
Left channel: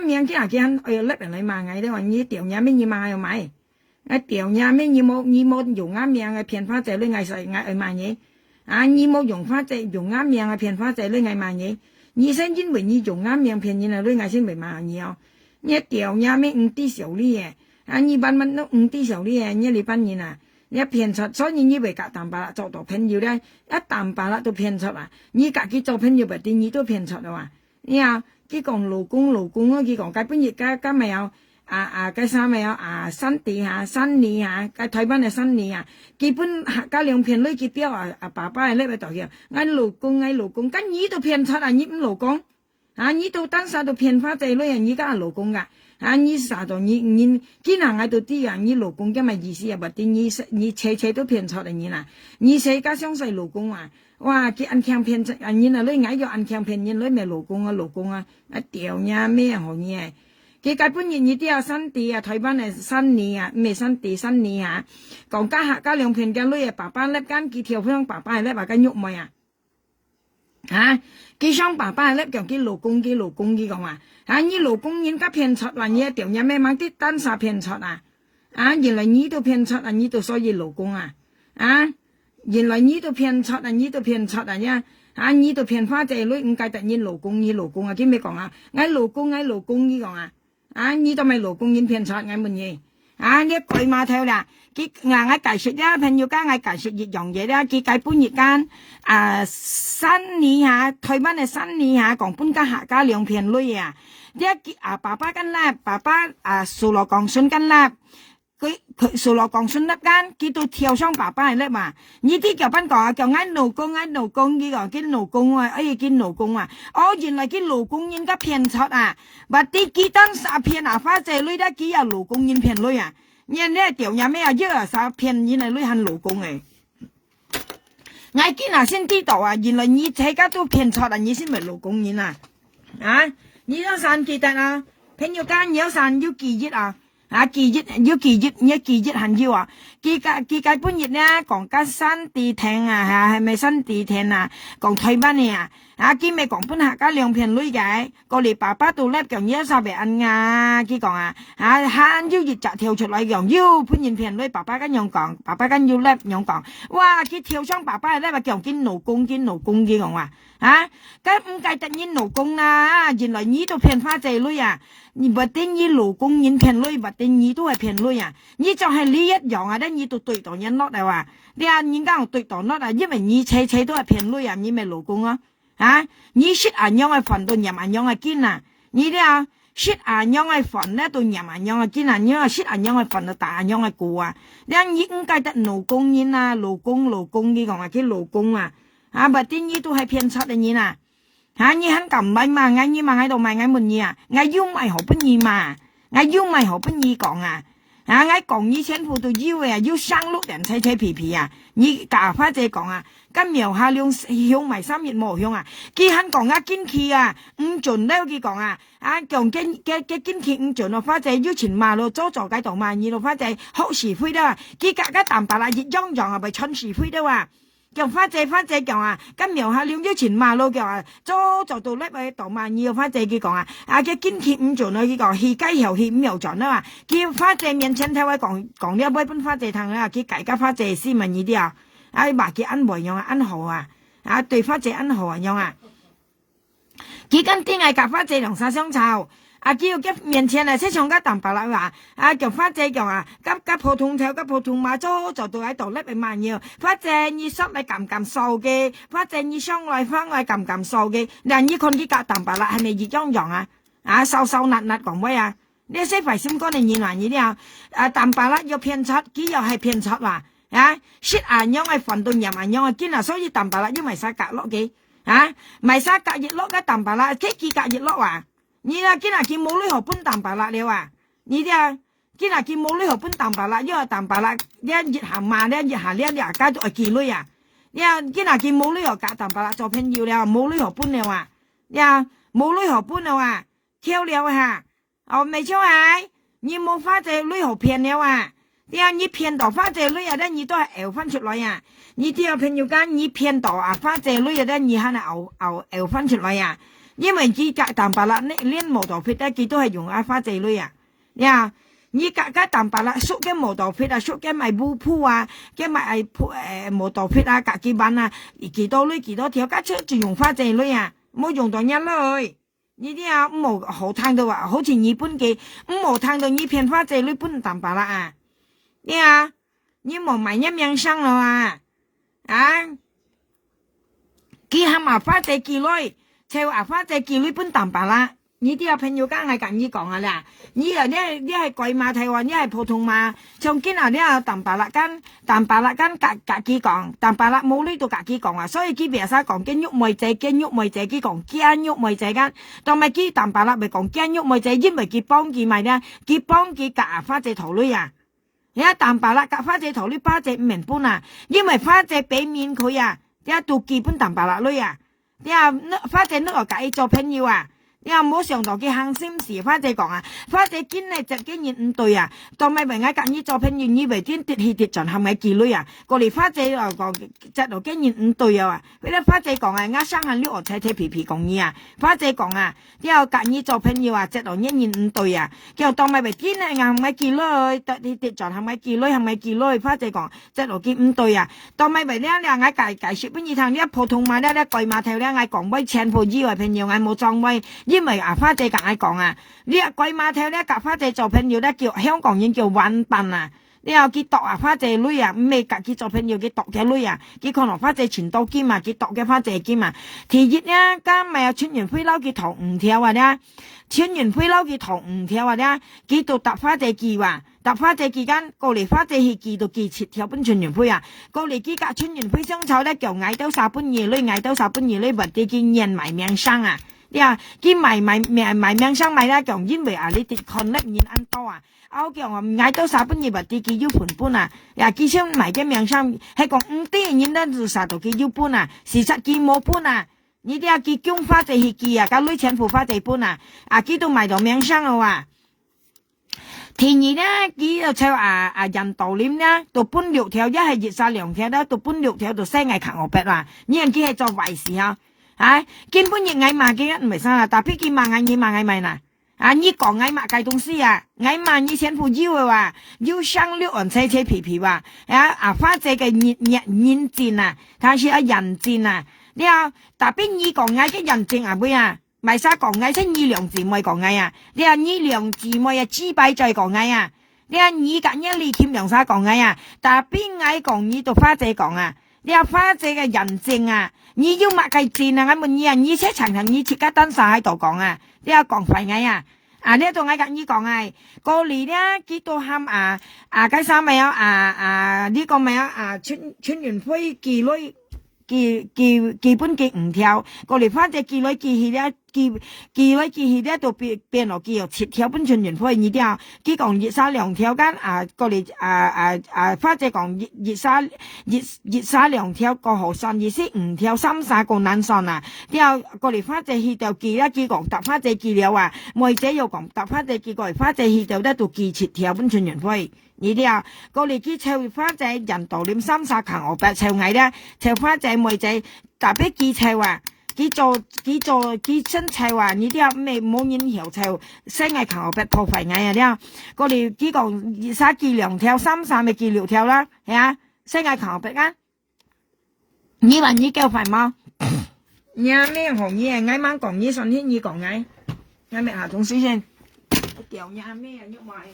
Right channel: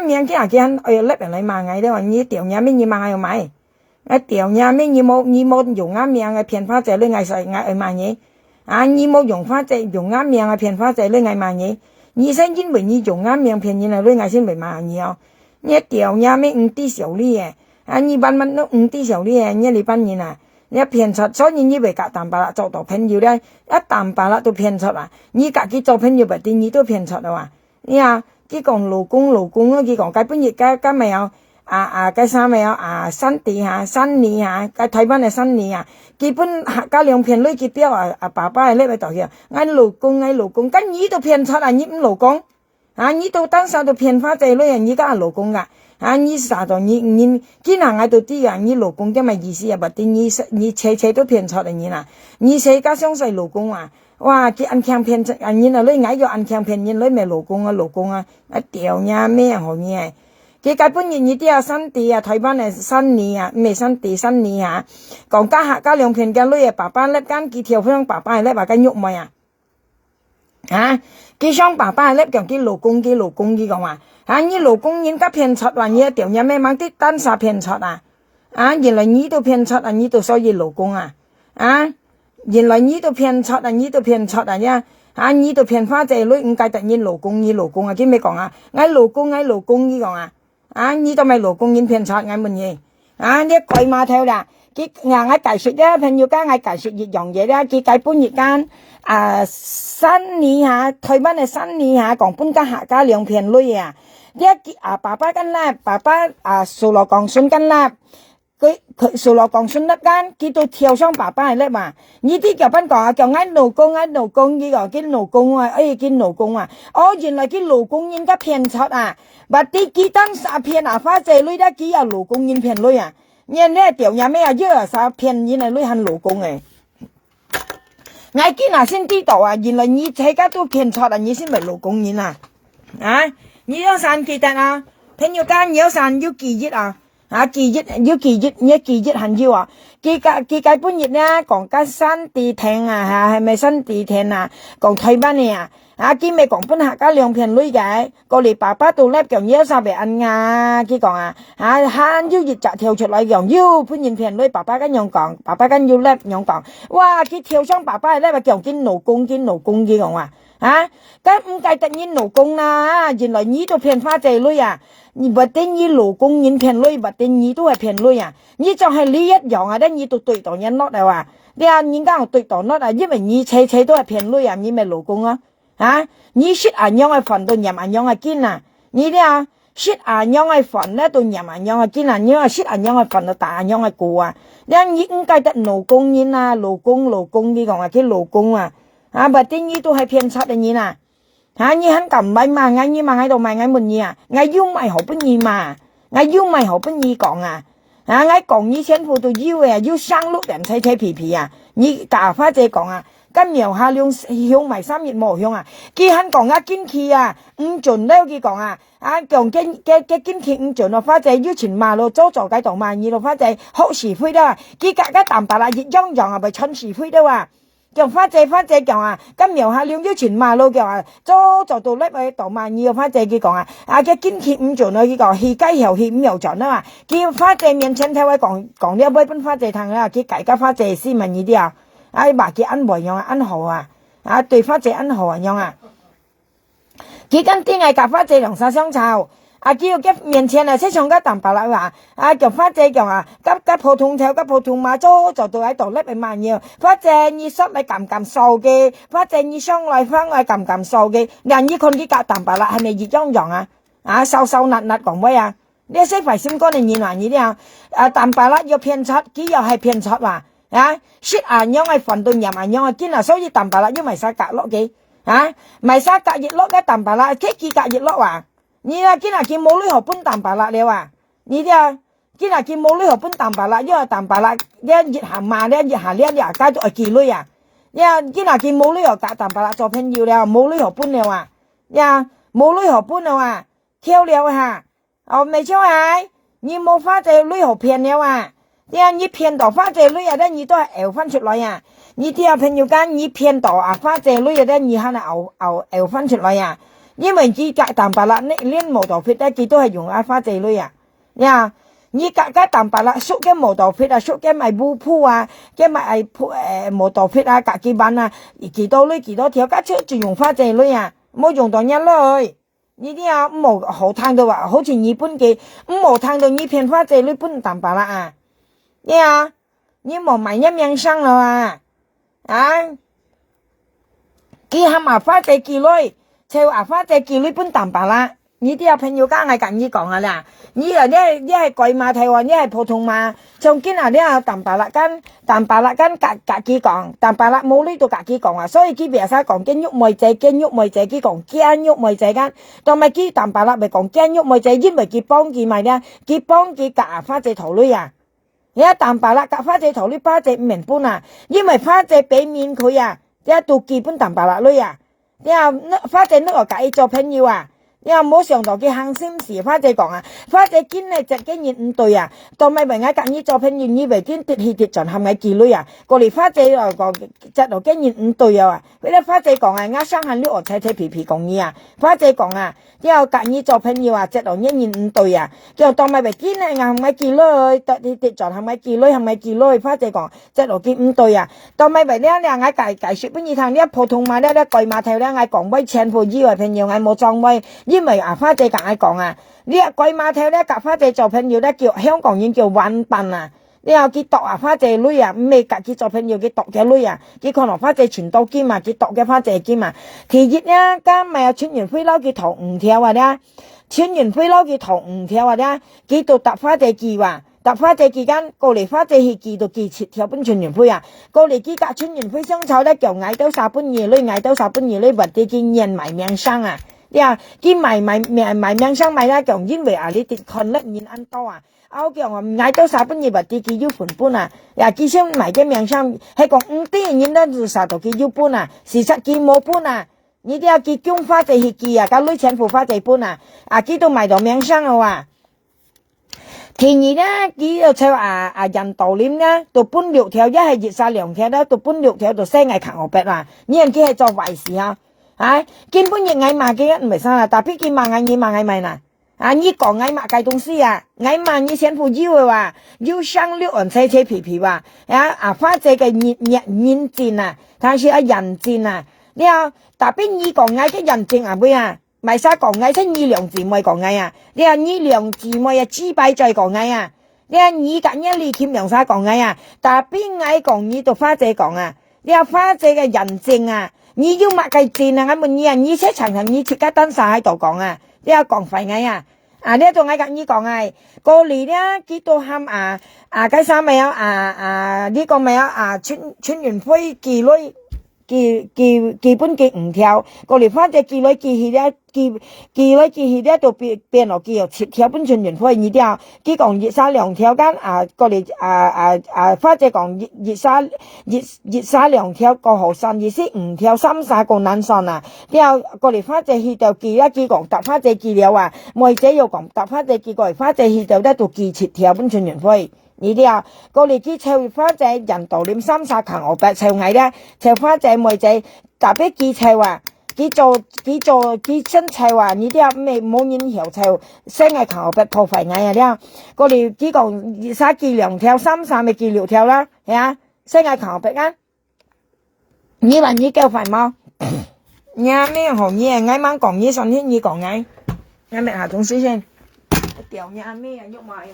miệng cái anh ở lớp lại mà ngay đó như tiểu nhà mình như mà ngay mày cái tiểu nhà mình như một dùng ngắm miệng cái phiền phát ra lên ngày sai ngày ở mà nhỉ như một dùng phát ra dùng ngắm miệng cái phiền phát ra lên ngày mà nhỉ như sinh chính bởi như dùng ngắm miệng phiền như là lên ngày sinh bởi mà nhiều như tiểu nhà mình đi xỉu đi như ban nó đi xỉu đi như là ban như nào你騙出，所以你為夾淡白啦做到朋友咧，一淡白啦都騙出你自己做朋友別啲你都騙出你佢講老公佢講佢本日佢咪有佢啥咪有新地新年佢台灣嘅新年基本佢兩片女佢標爸爸係呢位代表，老公，咁你都騙出你唔老公你都當時都騙花仔女你家係老公你啥都你經常喺度啲你老公嘅咪意思不啲你車都騙出你你世家相信老公哇佢按強騙出你你嗌咗按強騙你咪老公屌呀咩好嘢佢基本你啲新地台灣嘅新年咩新地新年講家兩片嘅女爸爸咧間佢跳向爸爸咧話緊喐咪佢想爸爸咧講佢老公佢講話你老公人家騙出你屌呀咩猛啲單殺騙出原來你都騙出你都所以老公原來你都騙出你都騙出你都騙花仔女唔計得你老公佢咩講老公佢講你都咪老公人騙出乜嘢你鬼馬頭啦佢我解釋咧朋友間我解釋一樣嘢咧佢解本日間新年台灣嘅新年講本家客家兩片女爸爸跟啦爸爸數落講信跟啦佢數落講信粒間佢都跳上爸爸係叻嘛呢啲就邊講叫老公呢個佢老公佢老公原來佢老公人家騙出或啲佢當時騙花仔女咧佢有老公人騙女人咧條嘢咩約啥騙人係女係老公我見先知道原來你這家都騙出你先咪老公人你要散記得朋友間有散要記憶記憶很要記本日咧講緊新地聽係咪新地聽講台灣嘅佢咪講本客家兩片女嘅過嚟爸爸度咧講要晒俾人佢講要熱集跳出嚟講要本人片女爸爸跟樣講爸爸跟要叻樣講哇佢跳上爸爸咧話講見老公佢講咁唔計得你老公啦原來你都騙花仔女你不定你老公人騙女不定你都係騙女你就係你一樣你都對待人落嚟你人家對待落因為你車都係騙女你咪老公你識人樣係煩到人樣係堅你識阿娘嘅份咧，到廿阿娘嘅見阿娘識阿娘嘅份到大阿娘嘅過啊，你應該得老公人啊，老公呢講啊，佢老公啊，啊，或者呢都係偏差嘅人啊，嚇你肯咁咪嘛，嗌你嘛喺度咪嗌乜嘢啊，嗌要咪好不易嘛，嗌要咪好不易講啊。啊！我講你前夫都以為啊，要生碌人吹吹皮皮啊！你假花姐講啊，咁苗下兩向埋3月冇向啊！佢肯講啊，堅持啊，唔準咧佢講啊，啊講嘅堅持唔準咯，花姐要前馬路做解動嘛，二路花姐好時灰啦，佢格格淡白啦，熱洋洋啊，咪春時灰啦哇！叫花姐講啊，咁苗下兩要前馬路叫啊，做到叻咪當萬二個花姐佢講啊，啊嘅堅持唔準咯，佢講氣雞後氣唔又準啊嘛，叫花姐面前睇位講呢一杯本花姐湯啊，佢大家花姐斯文呢啲啊，啊話佢安慰樣啊，安好啊，啊對花姐安好啊樣啊，佢跟啲嗌夾花姐同晒相湊。啊！叫佢面前啊，識唱個淡白啦話，啊叫花姐講啊，急普通跳，急普通馬做到喺度叻咪慢要，花姐你心咪撳數嘅，花姐你上來翻來撳數嘅，人呢看啲夾淡白啦，係咪熱洋洋啊？啊瘦辣講咩啊？呢些費心肝你難呢啲啊淡白啦要偏差，佢又係偏差話啊，識阿娘係瞓到廿阿娘係堅啊，所以淡白啦要咪晒隔落嘅啊，咪晒隔熱落嘅淡白啦，即係隔熱落話。你啊，今日見冇呢盒搬淡白啦，你話？你啲啊，今日見冇呢盒搬淡白啦，因為淡白啦，你熱下嘛，你熱下你啊，家族係幾女啊？你啊，今日見冇呢盒夾淡白啦，做朋友了，冇呢盒搬了啊？你啊，冇呢盒搬了啊？跳了下，哦，未出係，你冇花仔呢盒騙了啊？你啊，你騙到花仔女啊，咧你都係熬翻出來啊？你啲啊朋友間你騙到啊花仔女啊，咧你係熬翻出來啊？因為佢隔淡白啦，連毛豆皮咧，佢都係用阿花仔女啊。呀，你隔淡白啦，縮嘅毛豆皮啊，縮嘅咪烏鋪啊，嘅咪毛豆皮啊，隔幾版啊，幾多條，加出就用花仔女啊，冇用到一類。呢啲啊冇好燙到話，好似日本嘅冇燙到你片花仔女搬淡白啦啊。呀，你冇買一命生啦啊，佢係麻花仔幾女。就話花姐見呢般淡白啦，呢啲啊朋友家嗌緊要講下啦，你啊呢係貴馬睇話，呢係普通馬，仲見啊呢啊淡白啦間隔幾講，淡白啦冇呢度隔幾講啊，所以佢別晒講驚喐妹仔佢講驚喐妹仔間，同埋佢淡白啦咪講驚喐妹仔，因為佢幫佢咪咧，佢幫佢隔花姐頭女啊，你一淡白啦隔花姐頭女花姐唔明搬啊，因為花姐俾面佢啊，一到基本淡白啦女啊。你話花姐呢個計做朋友啊？你話冇上到嘅行心事，花姐講啊，花姐堅係直經驗唔對啊，當咪為我隔意做朋友，以為堅跌氣跌盡係咪幾女啊？過嚟花姐又講直度經驗唔對啊！俾啲花姐講啊，我生下呢個睇皮皮講嘢啊，花姐講啊，你話隔意做朋友啊，直度經驗唔對啊，叫當咪為堅係係咪幾女？跌氣跌盡係咪幾女？花姐講直度見唔對啊，當咪為呢我解說俾你聽，呢普通話呢貴碼頭呢我講威前夫以為朋友我冇裝威。因為啊花姐夾嗌講啊，呢一貴碼頭咧夾花姐做朋友咧叫香港人叫玩笨啊，你又佢讀啊花姐女啊，唔係夾佢做朋友佢讀嘅女啊，佢可能花姐全多兼啊，佢讀嘅花姐兼啊，第二咧加咪啊穿完灰褸佢頭唔跳啊咧，穿完灰褸佢頭唔跳啊咧，佢度揼花姐記話。搭花姐期間過嚟花姐去記到記切條本穿完灰啊，過嚟記隔穿完灰相湊咧叫嗌到撒半夜女，或者見人埋命生啊。你話佢埋命生咪啦，就因為啊你哋看得見安多啊，我叫我嗌到撒半夜或者佢要盤搬啊，呀佢想埋嘅命生係講唔啲人咧就殺到佢要搬啊，事實佢冇搬啊，你啲啊佢將花姐去記啊，個女錢付花姐搬啊，啊佢都埋到命生啊話。第二咧，佢就就人道念咧，到搬6條，一係熱晒2條咧，到搬6條到西藝行河壁啦。呢樣佢係做壞事啊！啊，根本亦嗌罵嘅唔係生啦，但係佢罵嗌咪嗱，啊呢個嗌罵嘅東西啊，嗌罵你先富要嘅話，要生6人車皮皮話，花姐嘅人賤啊，但是人賤啊，你啊，但係呢個嗌嘅人賤啊妹啊！咪晒講嗌出二兩姊妹講嗌啊！你話二兩姊妹啊，只擺在講嗌啊！你話二隔一你欠兩晒講嗌啊！但係邊嗌講你到花姐講啊！你話花姐嘅人證啊！你要乜嘅證啊？我問你啊！你出場同你切家登晒喺度講啊！你話講廢嗌啊！呢度我甲你講啊，過年咧幾多喊嗰三咪有呢個咪有春園會幾類基本嘅5條，過嚟翻隻幾類幾類幾咧就變落幾有7條本春園會呢條，佢講熱沙2條間過嚟翻隻講熱沙2條個河上意思5條3個南上啊，條過嚟翻隻去到幾咧幾講搭翻隻幾了啊，每隻又講搭翻隻幾過嚟翻隻去到咧就幾7條本春園會。呢啲啊，過嚟佢湊花仔人道念30強我白湊矮咧，湊花仔妹仔特別佢湊啊，佢新湊啊，呢啲啊咩冇人曉湊，生嘅強我白破費矮啊啲啊，過嚟佢講熱沙幾2條3咪幾6條啦，係啊，生嘅強我白啊，你話你夠費嗎？你啊咩行業啊？挨晚講嘢上天你講挨，挨咪下種水先，掉你啊咩啊喐埋。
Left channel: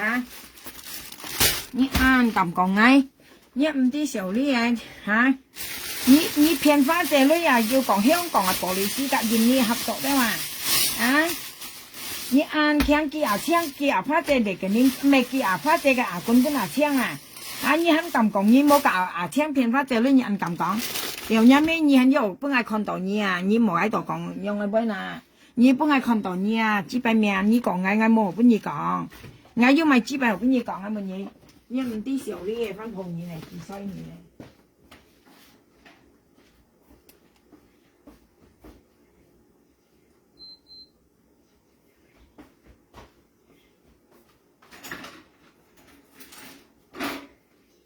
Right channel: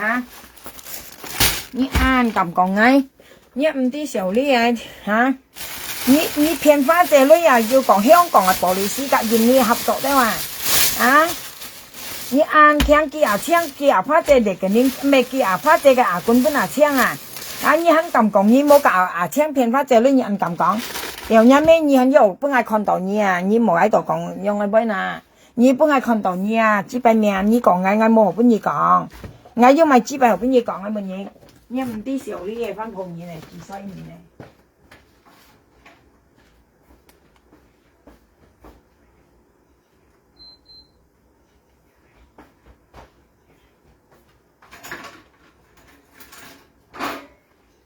啊！你按咁講嘅，你唔啲時你嚇，你騙花姐女啊，要講香港嘅玻璃絲隔印尼合作的嘛？你按聽佢槍，佢花姐嚟嘅，你咩佢花姐嘅官本槍啊？你肯咁講，你冇教槍騙花姐女，你按咁講，有咩咩你肯有本來看到你啊，你冇喺度講用嘅本啊，你本來看到你啊，只擺命你講我冇本你講。我要咪只係邊嘢講啊？乜嘢？你唔啲時候啲嘢翻鋪嘢嚟，幾犀利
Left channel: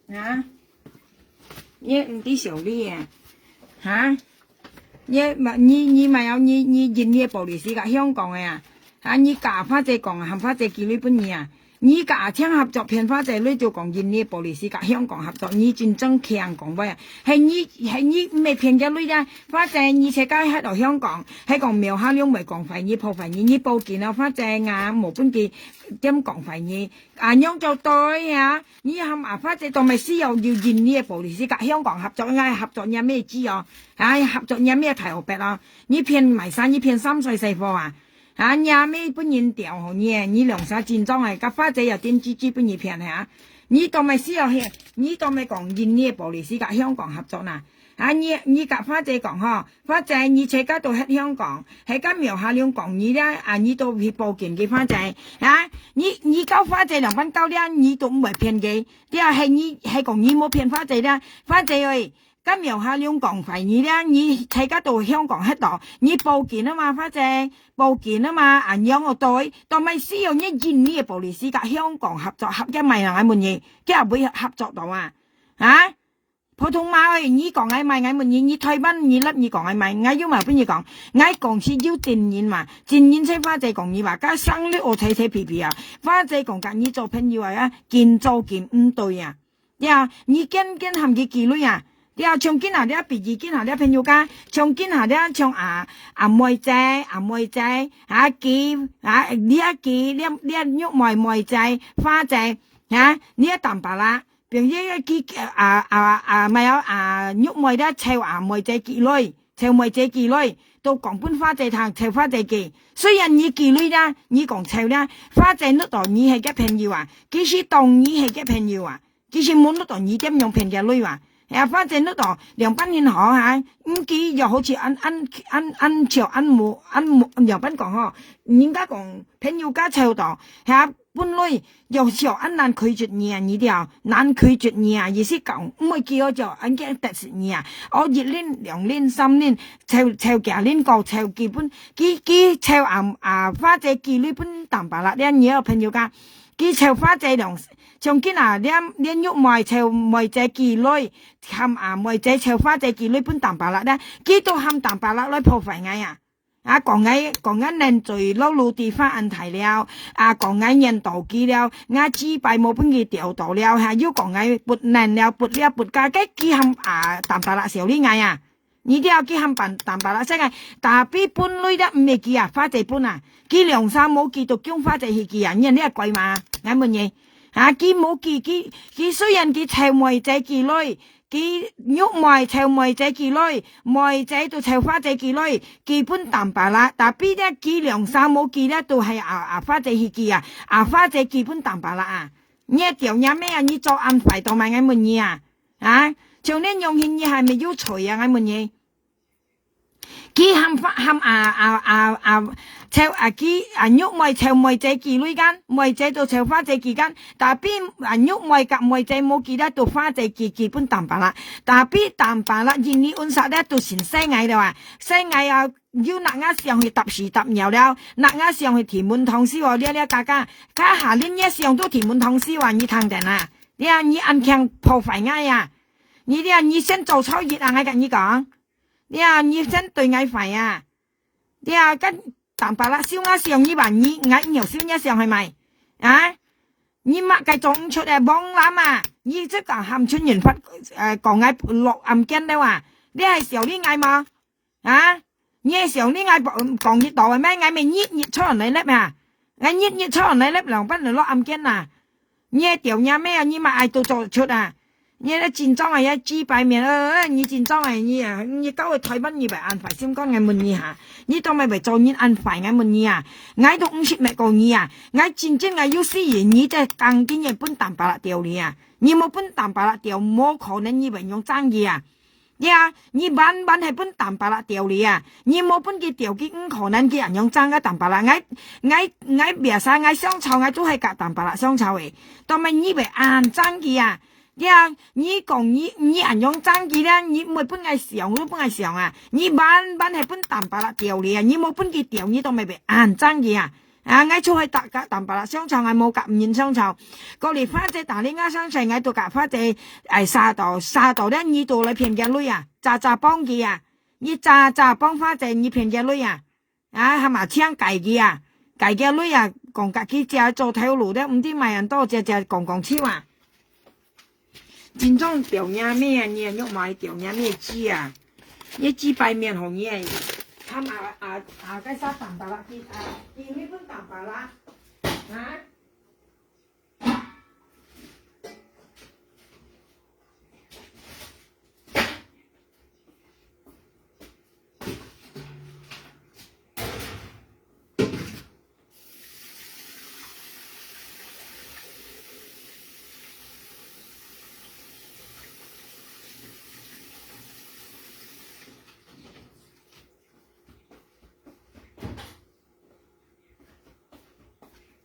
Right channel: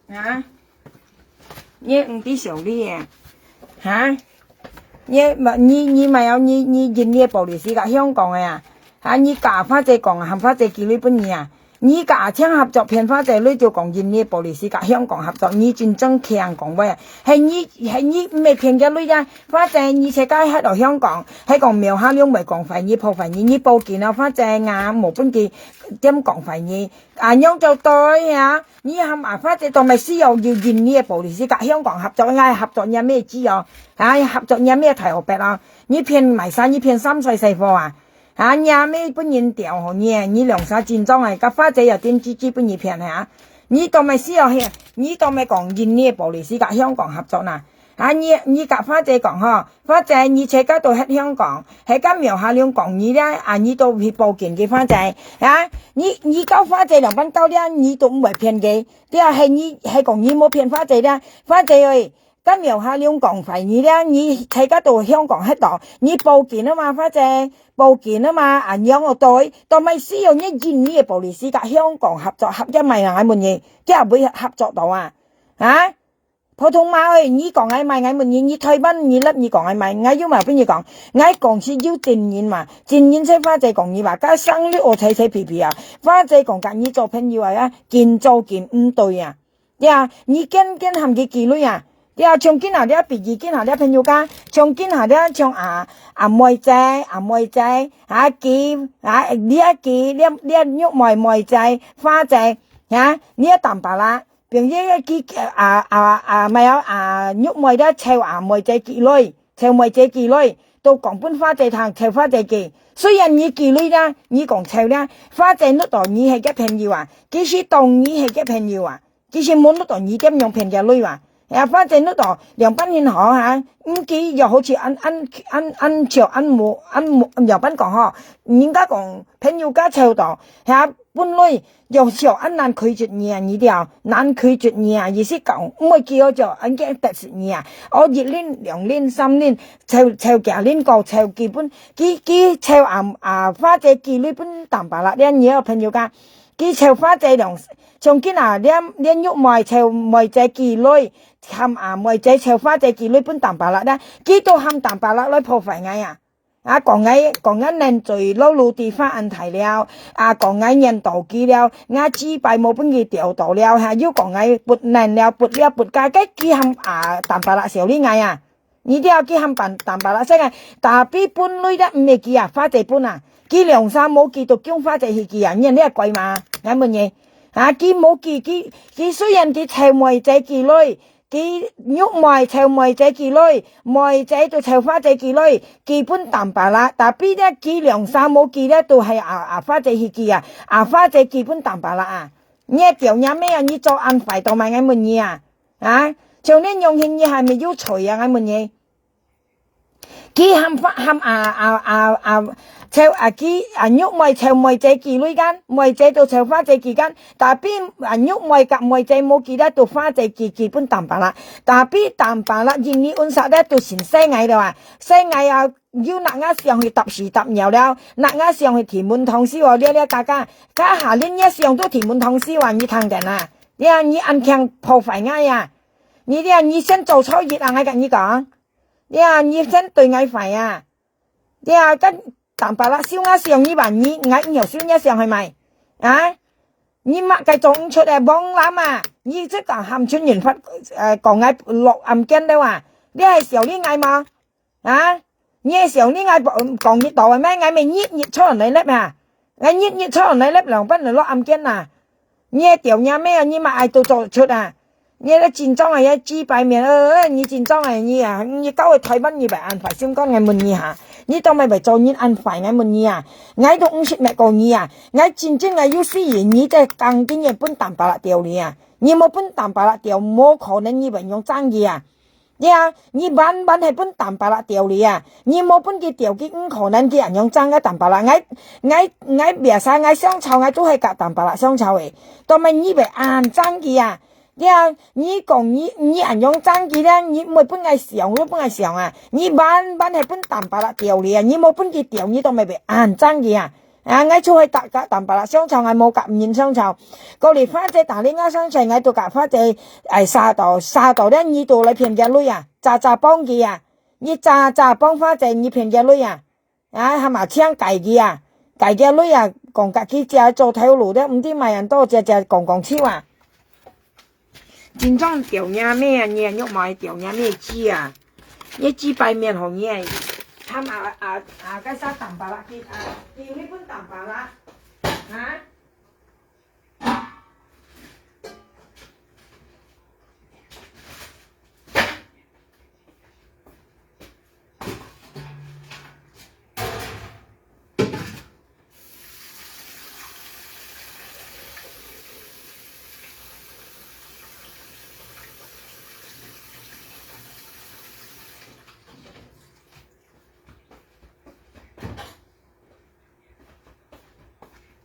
咧！你唔啲時候啲嘢你咪有你印尼玻璃絲㗎香港嘅啊！你假花姐講含花姐幾類本嘢啊？你假槍合作騙花姐女就講印尼玻璃絲甲香港合作，你真正強講喂，係你咩騙嘅女啊？花姐你車街喺度香港，喺講苗下兩未講費你破費你報件啊花姐冇本嘅點講費你樣就對啊！你含花姐當咪需要印尼玻璃絲甲香港合作，合作有咩資料合作有咩題學白啊？你騙埋晒你騙3歲細貨啊！你咩本人調好你兩手戰裝啊，甲花仔又點支本嘢騙啊？你當咪需要你當咪講印尼玻璃絲甲香港合作呐？你甲花仔講嗬，花仔你車家到喺香港，喺間苗下兩講你咧你都去報警嘅花仔你交花仔2蚊交咧，你都唔會騙嘅，啲係講你冇騙花仔咧，花仔喂。咁苗下兩講費你咧，你車家到香港喺度，你報件啊嘛，花姐報件啊嘛，樣我對，但咪需要你印尼嘅玻璃絲甲香港合作合一咪人哋問嘢，即係會合作到普通話喂，你講係咪問嘢，你退班你甩你講係咪，我要咪邊嘢講，我講是要正言嘛，正言識花姐講你話，加生率我睇皮皮啊，花姐講緊你做朋友見做見唔對啊，你跟含嘅幾類啊？從今下啲別意見下啲朋友間，從今下啲從妹仔幾呢喐妹仔花仔呢一啖白啦，並且咪有喐妹咧湊妹仔幾類，湊妹仔幾類，到講本花仔堂湊花仔幾，雖然你幾類啦，你講湊啦，花仔碌到你係嘅朋友啊，其實當你係嘅朋友啊，其實冇碌到你點樣騙嘅女啊。花姐嗰度梁斌獻好佢又好似按梁斌講人家講朋友家湊到本來又朝難拒絕你條難拒絕你意思講唔會叫我做按嘅特殊你我1年2年3年湊幾年夠湊基本佢湊花姐幾呢本淡白啦呢嘢有朋友家佢湊花姐兩從今呢喐妹湊妹仔幾類含妹仔湊花仔幾類本淡白啦呢佢都含淡白啦來破費嗌啊，講緊人最老路地方安提了，啊，講緊人道機了，我只拜冇本佢調到了，嚇，要講緊撥人了，撥家嘅幾冚啊，淡白啦，少呢嗌啊，呢啲有幾冚淡白啦，聲啊，但係本類咧唔係記啊，花姐本啊，記兩三冇記到姜花姐去記啊，人呢係貴嘛，啱乜嘢？啊，記冇記雖然記潮梅姐記類。佢喐梅潮梅仔幾類，梅仔到潮花仔幾類，基本淡白啦。但係邊一幾兩三冇幾咧，都係花仔去幾啊，花仔基本淡白啦啊。你一條嘢咩啊？你做安排到埋啱乜嘢啊？啊，像呢用嘢你係咪要除啊？啱乜嘢？佢冚喐梅潮梅仔幾類間，梅仔到潮花仔幾間，但係邊喐梅及梅仔冇幾咧，到花仔基本淡白啦。但係邊淡白啦，現你按實咧到成西蟻啦話，西蟻啊要拿啱上去揼時揼油了，拿啱上去填滿湯絲喎，呢家下呢一上都填滿湯絲話你聽定啦，你啊你按強破壞嗌啊，你先做錯嘢啊，我跟你講。你先對嗌快啊！跟淡白啦，燒鴨上呢bàn你嗌nhiều燒鴨上係咪？啊！你乜計種出嚟幫攬啊！你即係含春元法講嗌落暗驚到啊！你係時候呢嗌嘛？啊！你係時候呢嗌講熱度係咩？嗌咪熱出嚟你叻啊！嗌熱出嚟你叻兩筆嚟落暗驚啊！你係條嘢咩啊？你乜嗌到做出啊？你咧戰爭係一支擺面你戰爭係你啊，你搞去台灣你咪安排相關嘅問你下，你當咪做你安排嘅問你啊，嗌到50咪講你啊，嗌戰爭係要死人，你即係更堅嘢本淡白啦掉你啊，你冇本淡白啦掉，冇可能你咪用爭議啊，你晚係本淡白啦掉你啊，你冇本嘅掉嘅唔可能嘅人用爭嘅淡白啦，嗌別晒嗌雙臭嗌都係夾淡白啦雙臭嘅，當咪你咪硬爭議啊。你講你人用爭議咧，你冇本係上都本係上啊！你晚係本淡白啦掉你啊！你冇本嘅掉你都咪被硬爭議啊！嗌出去搭架淡白啦，商場係冇夾唔現商場，過嚟花姐打呢間商場嗌到夾花姐沙道咧，你到你騙隻女啊，炸幫佢啊，你炸幫花姐你騙隻女啊，係咪槍計佢啊？計隻女啊，講夾佢只做條路咧，唔知咪人多只講超啊！真正掉嘢咩啊？你喐埋掉嘢咩知啊？一支擺面紅嘢，睇cái沙淡白啦，叫呢本淡白啦，啊！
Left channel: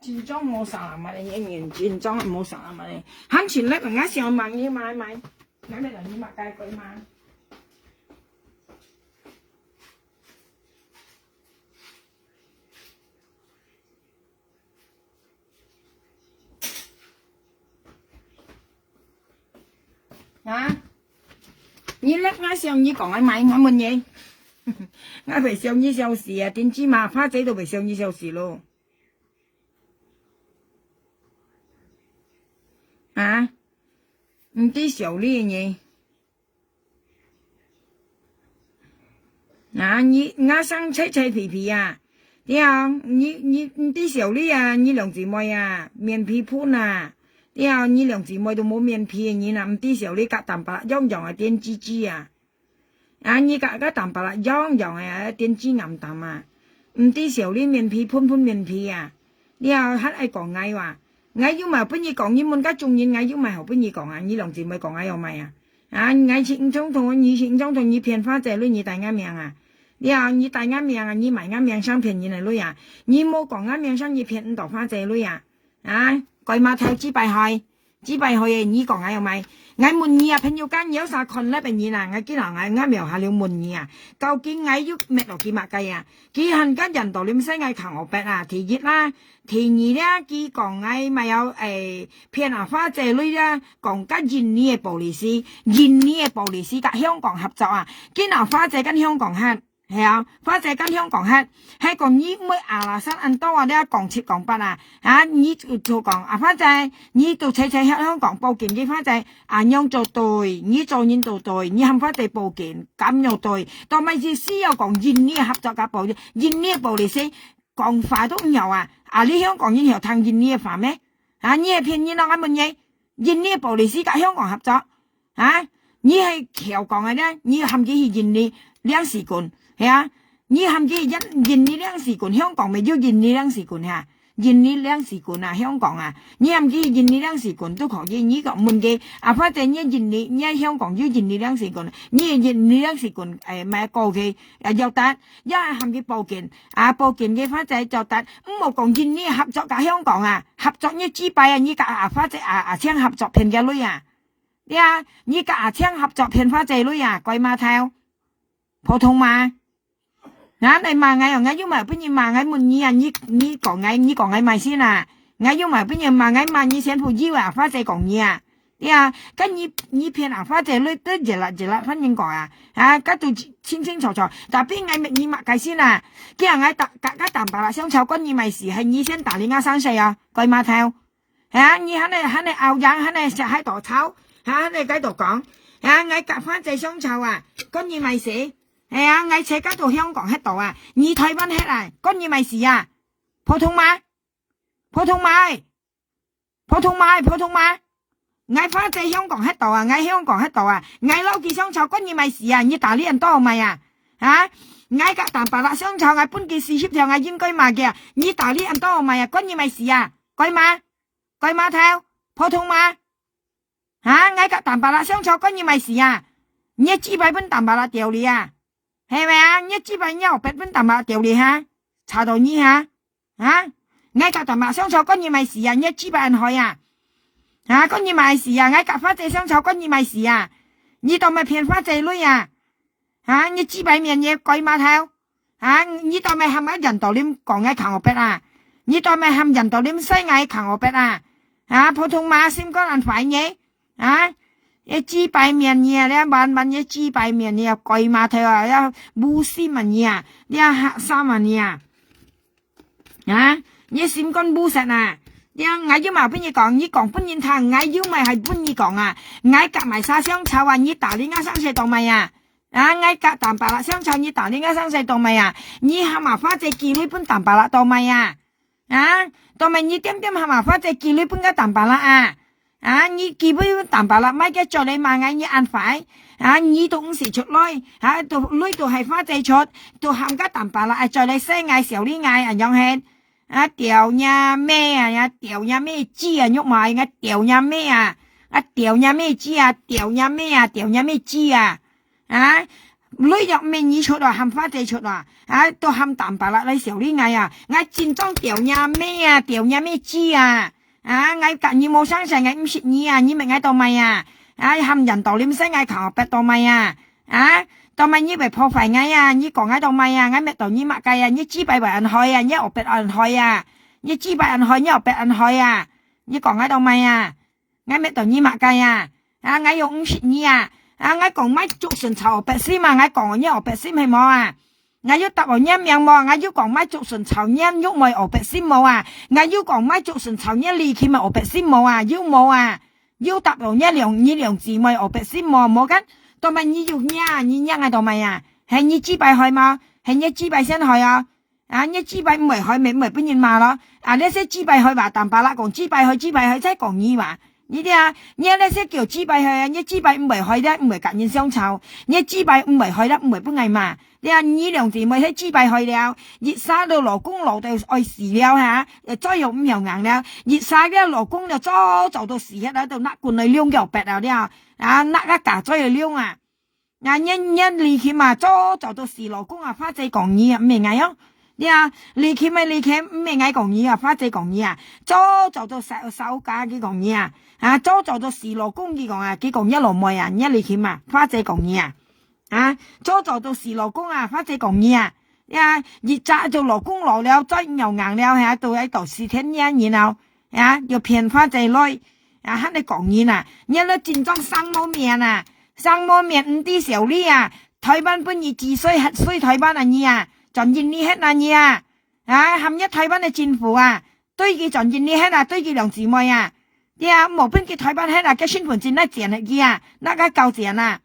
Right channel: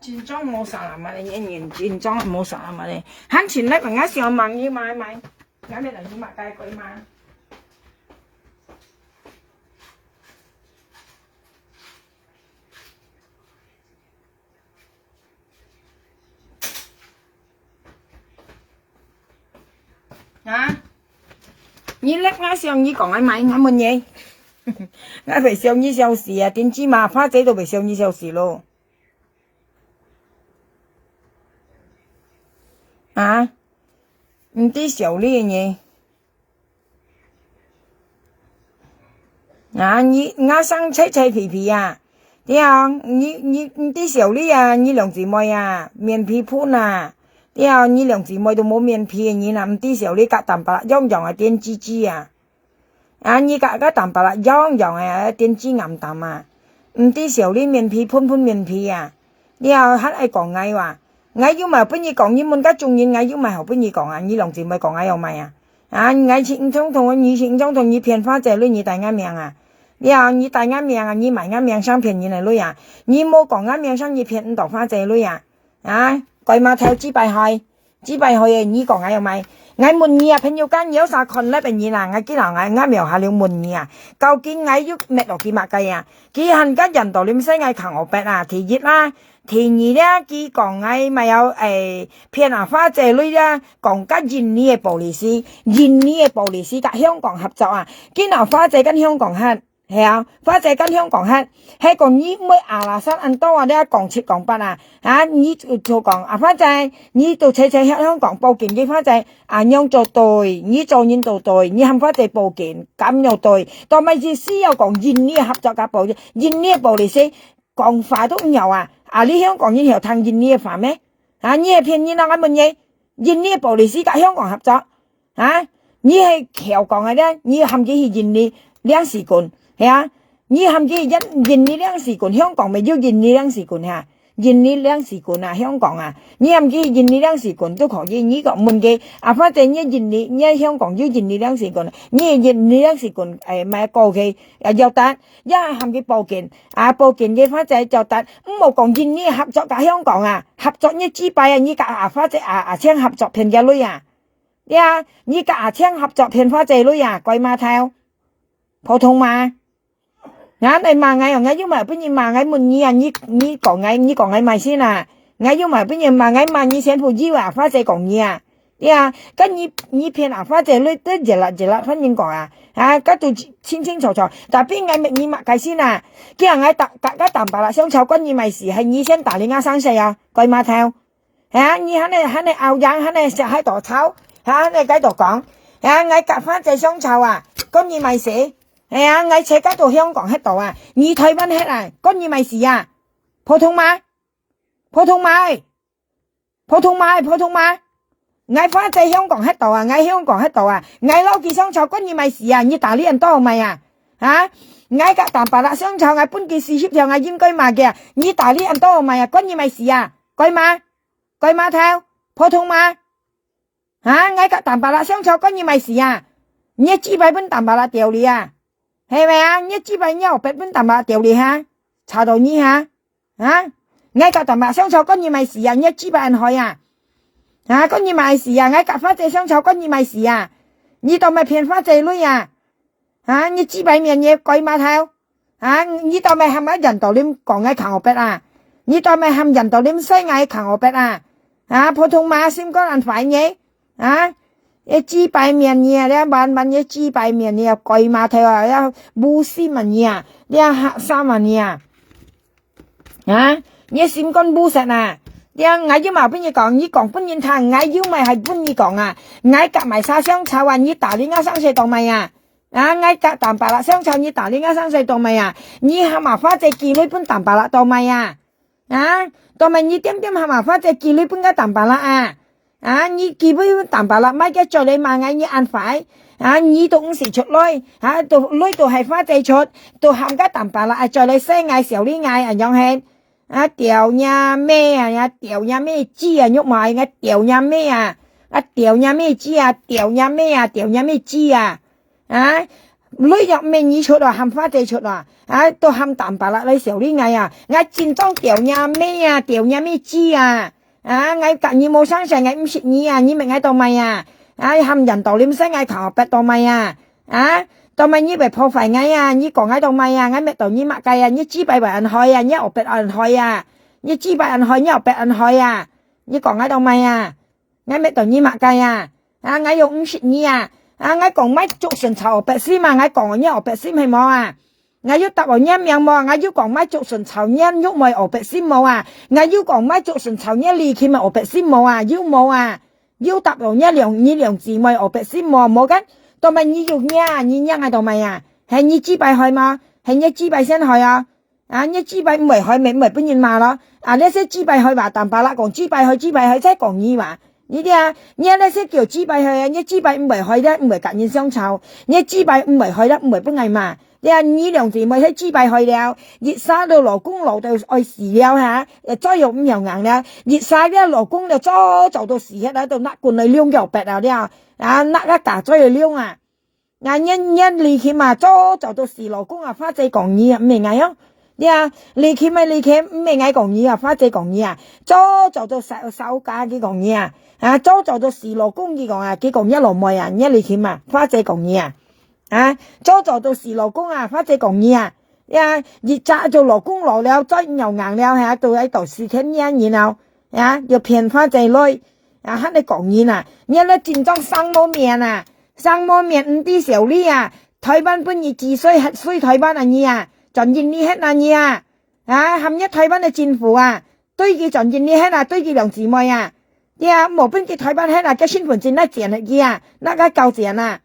戰裝冇啥嘛，你一年戰裝冇啥嘛你，慳錢叻，人家上網要買，咁你嚟要買街鬼嘛？啊？你叻我上你講買，我問你，我咪上2小時啊，點知嘛？花仔都咪上2小時咯。啊，唔知少呢樣嘢，你我生脆皮皮啊，你唔知少呢啊，你兩姊妹啊，面皮盤啊，你兩姊妹都冇面皮嘅你啦，唔知少呢夾淡白樣係點滋滋啊，你夾淡白樣係點滋暗淡啊，唔知少呢面皮盤面皮啊，黑係講嗌話。我要咪俾你講，你問家中意，我要咪後俾你講啊！你兩姊妹講我有咪啊？我前總同我以前總同你騙花仔女，你大啱命啊！你大啱命啊！你埋啱命生騙人嚟女啊！你冇講啱命生，你騙唔到花仔女啊！鬼馬頭只拜去你講我有咪？我問你啊，朋友間有啥困難俾你啦？我見我啱描下了問你啊，究竟我要咩落幾物計啊？佢恨家人道你唔使我求我白啊，提熱啦。第二咧，佢講嗌咪有騙花姐女啦，講緊印尼嘅暴利斯，同香港合作啊，見花姐跟香港黑係啊，花姐跟香港係講你咩阿拉山安多啊，你講七講八啊，你就講花姐，你到車香港報警嘅花姐，樣做對，你做人做對，你喊花姐報警，咁又對，但係意思又講印尼合作嘅報警，印尼報利息講法都唔有啊，你香港人有聽印尼法咩？你係騙你嗱咁嘢，印尼報利息跟香港合作，你係橋講嘅咧，你含住係印尼兩時管。係啊，你含住印尼兩時管，香港咪要印尼兩時管嚇，印尼兩時管啊，香港啊，你含住印尼兩時管都可以。你講問嘅反正你印尼，你香港要印尼兩時管，你印尼兩時管咪過去又得，一含住報警報警嘅反正就得，冇講印尼合作กับ香港啊，合作你支幣你กับ反正簽合作騙嘅女啊，你กับ簽合作騙反正女啊，鬼馬頭，普通嘛。你mà ngay yêu mà bây giờ mà ngay mình như còn ngay mày xin à ngay yêu mà bây giờ mà ngay mà như xem phụ yêu à phátใจcòn như à cái như phiền à phátใจlấy tới giờ là phát nhân quả cái từ清楚但係ngay mình như mà cái xin à kia ngay cái đảm bảo là相處跟như mày係你先打你3歲啊鬼馬頭你喺你拗樣喺你食喺度炒你喺度講ngay夾發ใจ相處啊跟như mày死ngay車家到香港喺度啊，你台灣喺嚟，關你咪事啊？普通嗎？ngay花仔香港喺度啊，ngay香港喺度啊，ngay撈記商場關你咪事啊？你打呢人多咪啊？ngay隔淡白啦商場ngay搬件事協調ngay應該買嘅，你打呢人多咪啊？關你咪事啊？貴嗎頭？普通嗎？ngay隔淡白啦商場關你咪事啊？你幾百蚊淡白啦掉你啊？係咪啊？一支幣100蚊淡白掉你哈，查到你哈，ngay隔淡白商場跟住咪事啊，一支幣人去啊，跟住咪事啊，ngay隔花仔商場跟住咪事啊，你當咪騙花仔女啊，一支幣面嘢鬼碼頭，你當咪係咪人道點講ngay扛我筆啊？你當咪係人道點西嗌扛我筆啊？普通話先講人快嘢，一支幣面嘢，你萬一支幣面嘢貴碼頭啊，一冇4萬嘢，你3萬嘢，你先講冇實啊，你嗌要埋邊嘢講，你講邊嘢聽，嗌要埋係邊嘢講啊，嗌夾埋晒相炒話你打你3歲當咪啊，嗌夾淡白啦相炒你打你3歲當咪啊，你係麻花仔記你本淡白啦當咪啊，當咪你點係麻花仔記你本嘅淡白啦你基本淡白啦，咪嘅做你嘛嗌你按快，你到5時出來，到來到係花仔出，到冚家淡白啦，做你西嗌小呢嗌樣係，掉呀咩掉呀咩枝喐埋掉呀咩掉呀咩枝掉呀咩枝女入面你出來冚花仔出來，到冚淡白啦，你小呢嗌戰裝掉呀咩枝嗌隔你冇生成嗌唔識你你咪嗌到咪冚人道你識嗌求白到咪到咪你咪破壞嗌你講嗌到咪嗌咪到你乜計你支幣為人害你學白人害你支幣人害你學白人害你講嗌到咪嗌咪到你乜計嗌又唔識你嗌講咪做成籌白絲嘛嗌講你學白絲係冇我要答我念名麼？我要講咪做順潮念喐咪學白先冇我要講咪做順潮念離佢咪學白先冇要冇要答我念兩字咪學白先冇緊，當咪你要你係當咪係你支幣去嘛？係你支幣先去你支幣唔係去咪邊人嘛咯？呢些支幣去話淡白啦，講支幣去即係講你話。你啲你呢些叫支幣去你支幣唔係去咧，唔係隔遠相湊，你支幣唔係去咧，唔係邊係嘛？你兩字咪喺支幣去了，熱晒到羅公路到愛時了再用5樣硬了，熱晒咧羅公就做到時喺度甩罐嚟撩腳白了甩一架再去撩一離開嘛做到時羅公花仔講嘢唔明啊離開咪離開唔明嗌講嘢花仔講嘢做到手架嘅講嘢做到時羅公嘅講佢講一路冇人一離開嘛花仔講嘢做到時羅公花仔講嘢熱炸做羅公落了再又硬了到喺度4天然後又騙花仔女喺你講嘢你咧戰裝生冇面生冇面5啲小呢台灣本意治水台灣啊你啊，全印尼hết啊你啊，含nhất台灣嘅政府啊，對佢全印尼hết啊，對佢兩姊妹啊，對啊，冇邊個台灣hết啊，個身份證那錢嘅啊，那個交錢啊，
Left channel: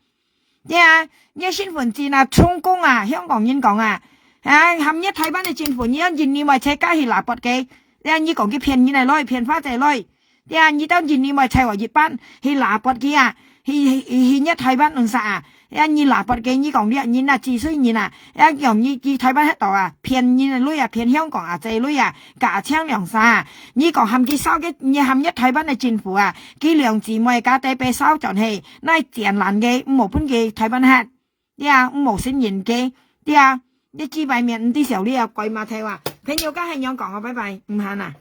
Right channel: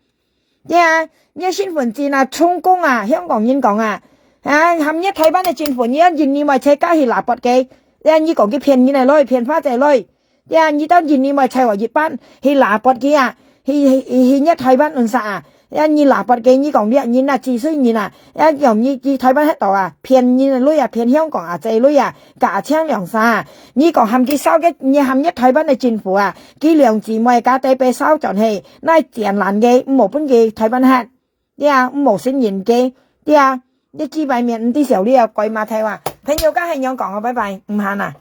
對啊，你身份證啊，充公啊，香港人講啊，含nhất台灣嘅政府，你印尼咪車加去拿撥嘅，對啊，你講佢騙人嚟攞，騙花仔攞，對啊，你到印尼咪車話一班去拿撥嘅啊，去nhất台灣運啥啊？你拿撥嘅，你講你那治水人啊，用你台灣喺度啊，騙人女啊，騙香港啊，仔女啊，假槍良殺啊！你講含佢收嘅，你含一台灣嘅政府啊，佢兩姊妹家底被收盡係，那tiền爛嘅，冇本嘅台灣客，對啊，冇信任嘅，對啊，你幾百面啲時候你又鬼馬睇話，朋友家係樣講啊，拜拜，唔行啊。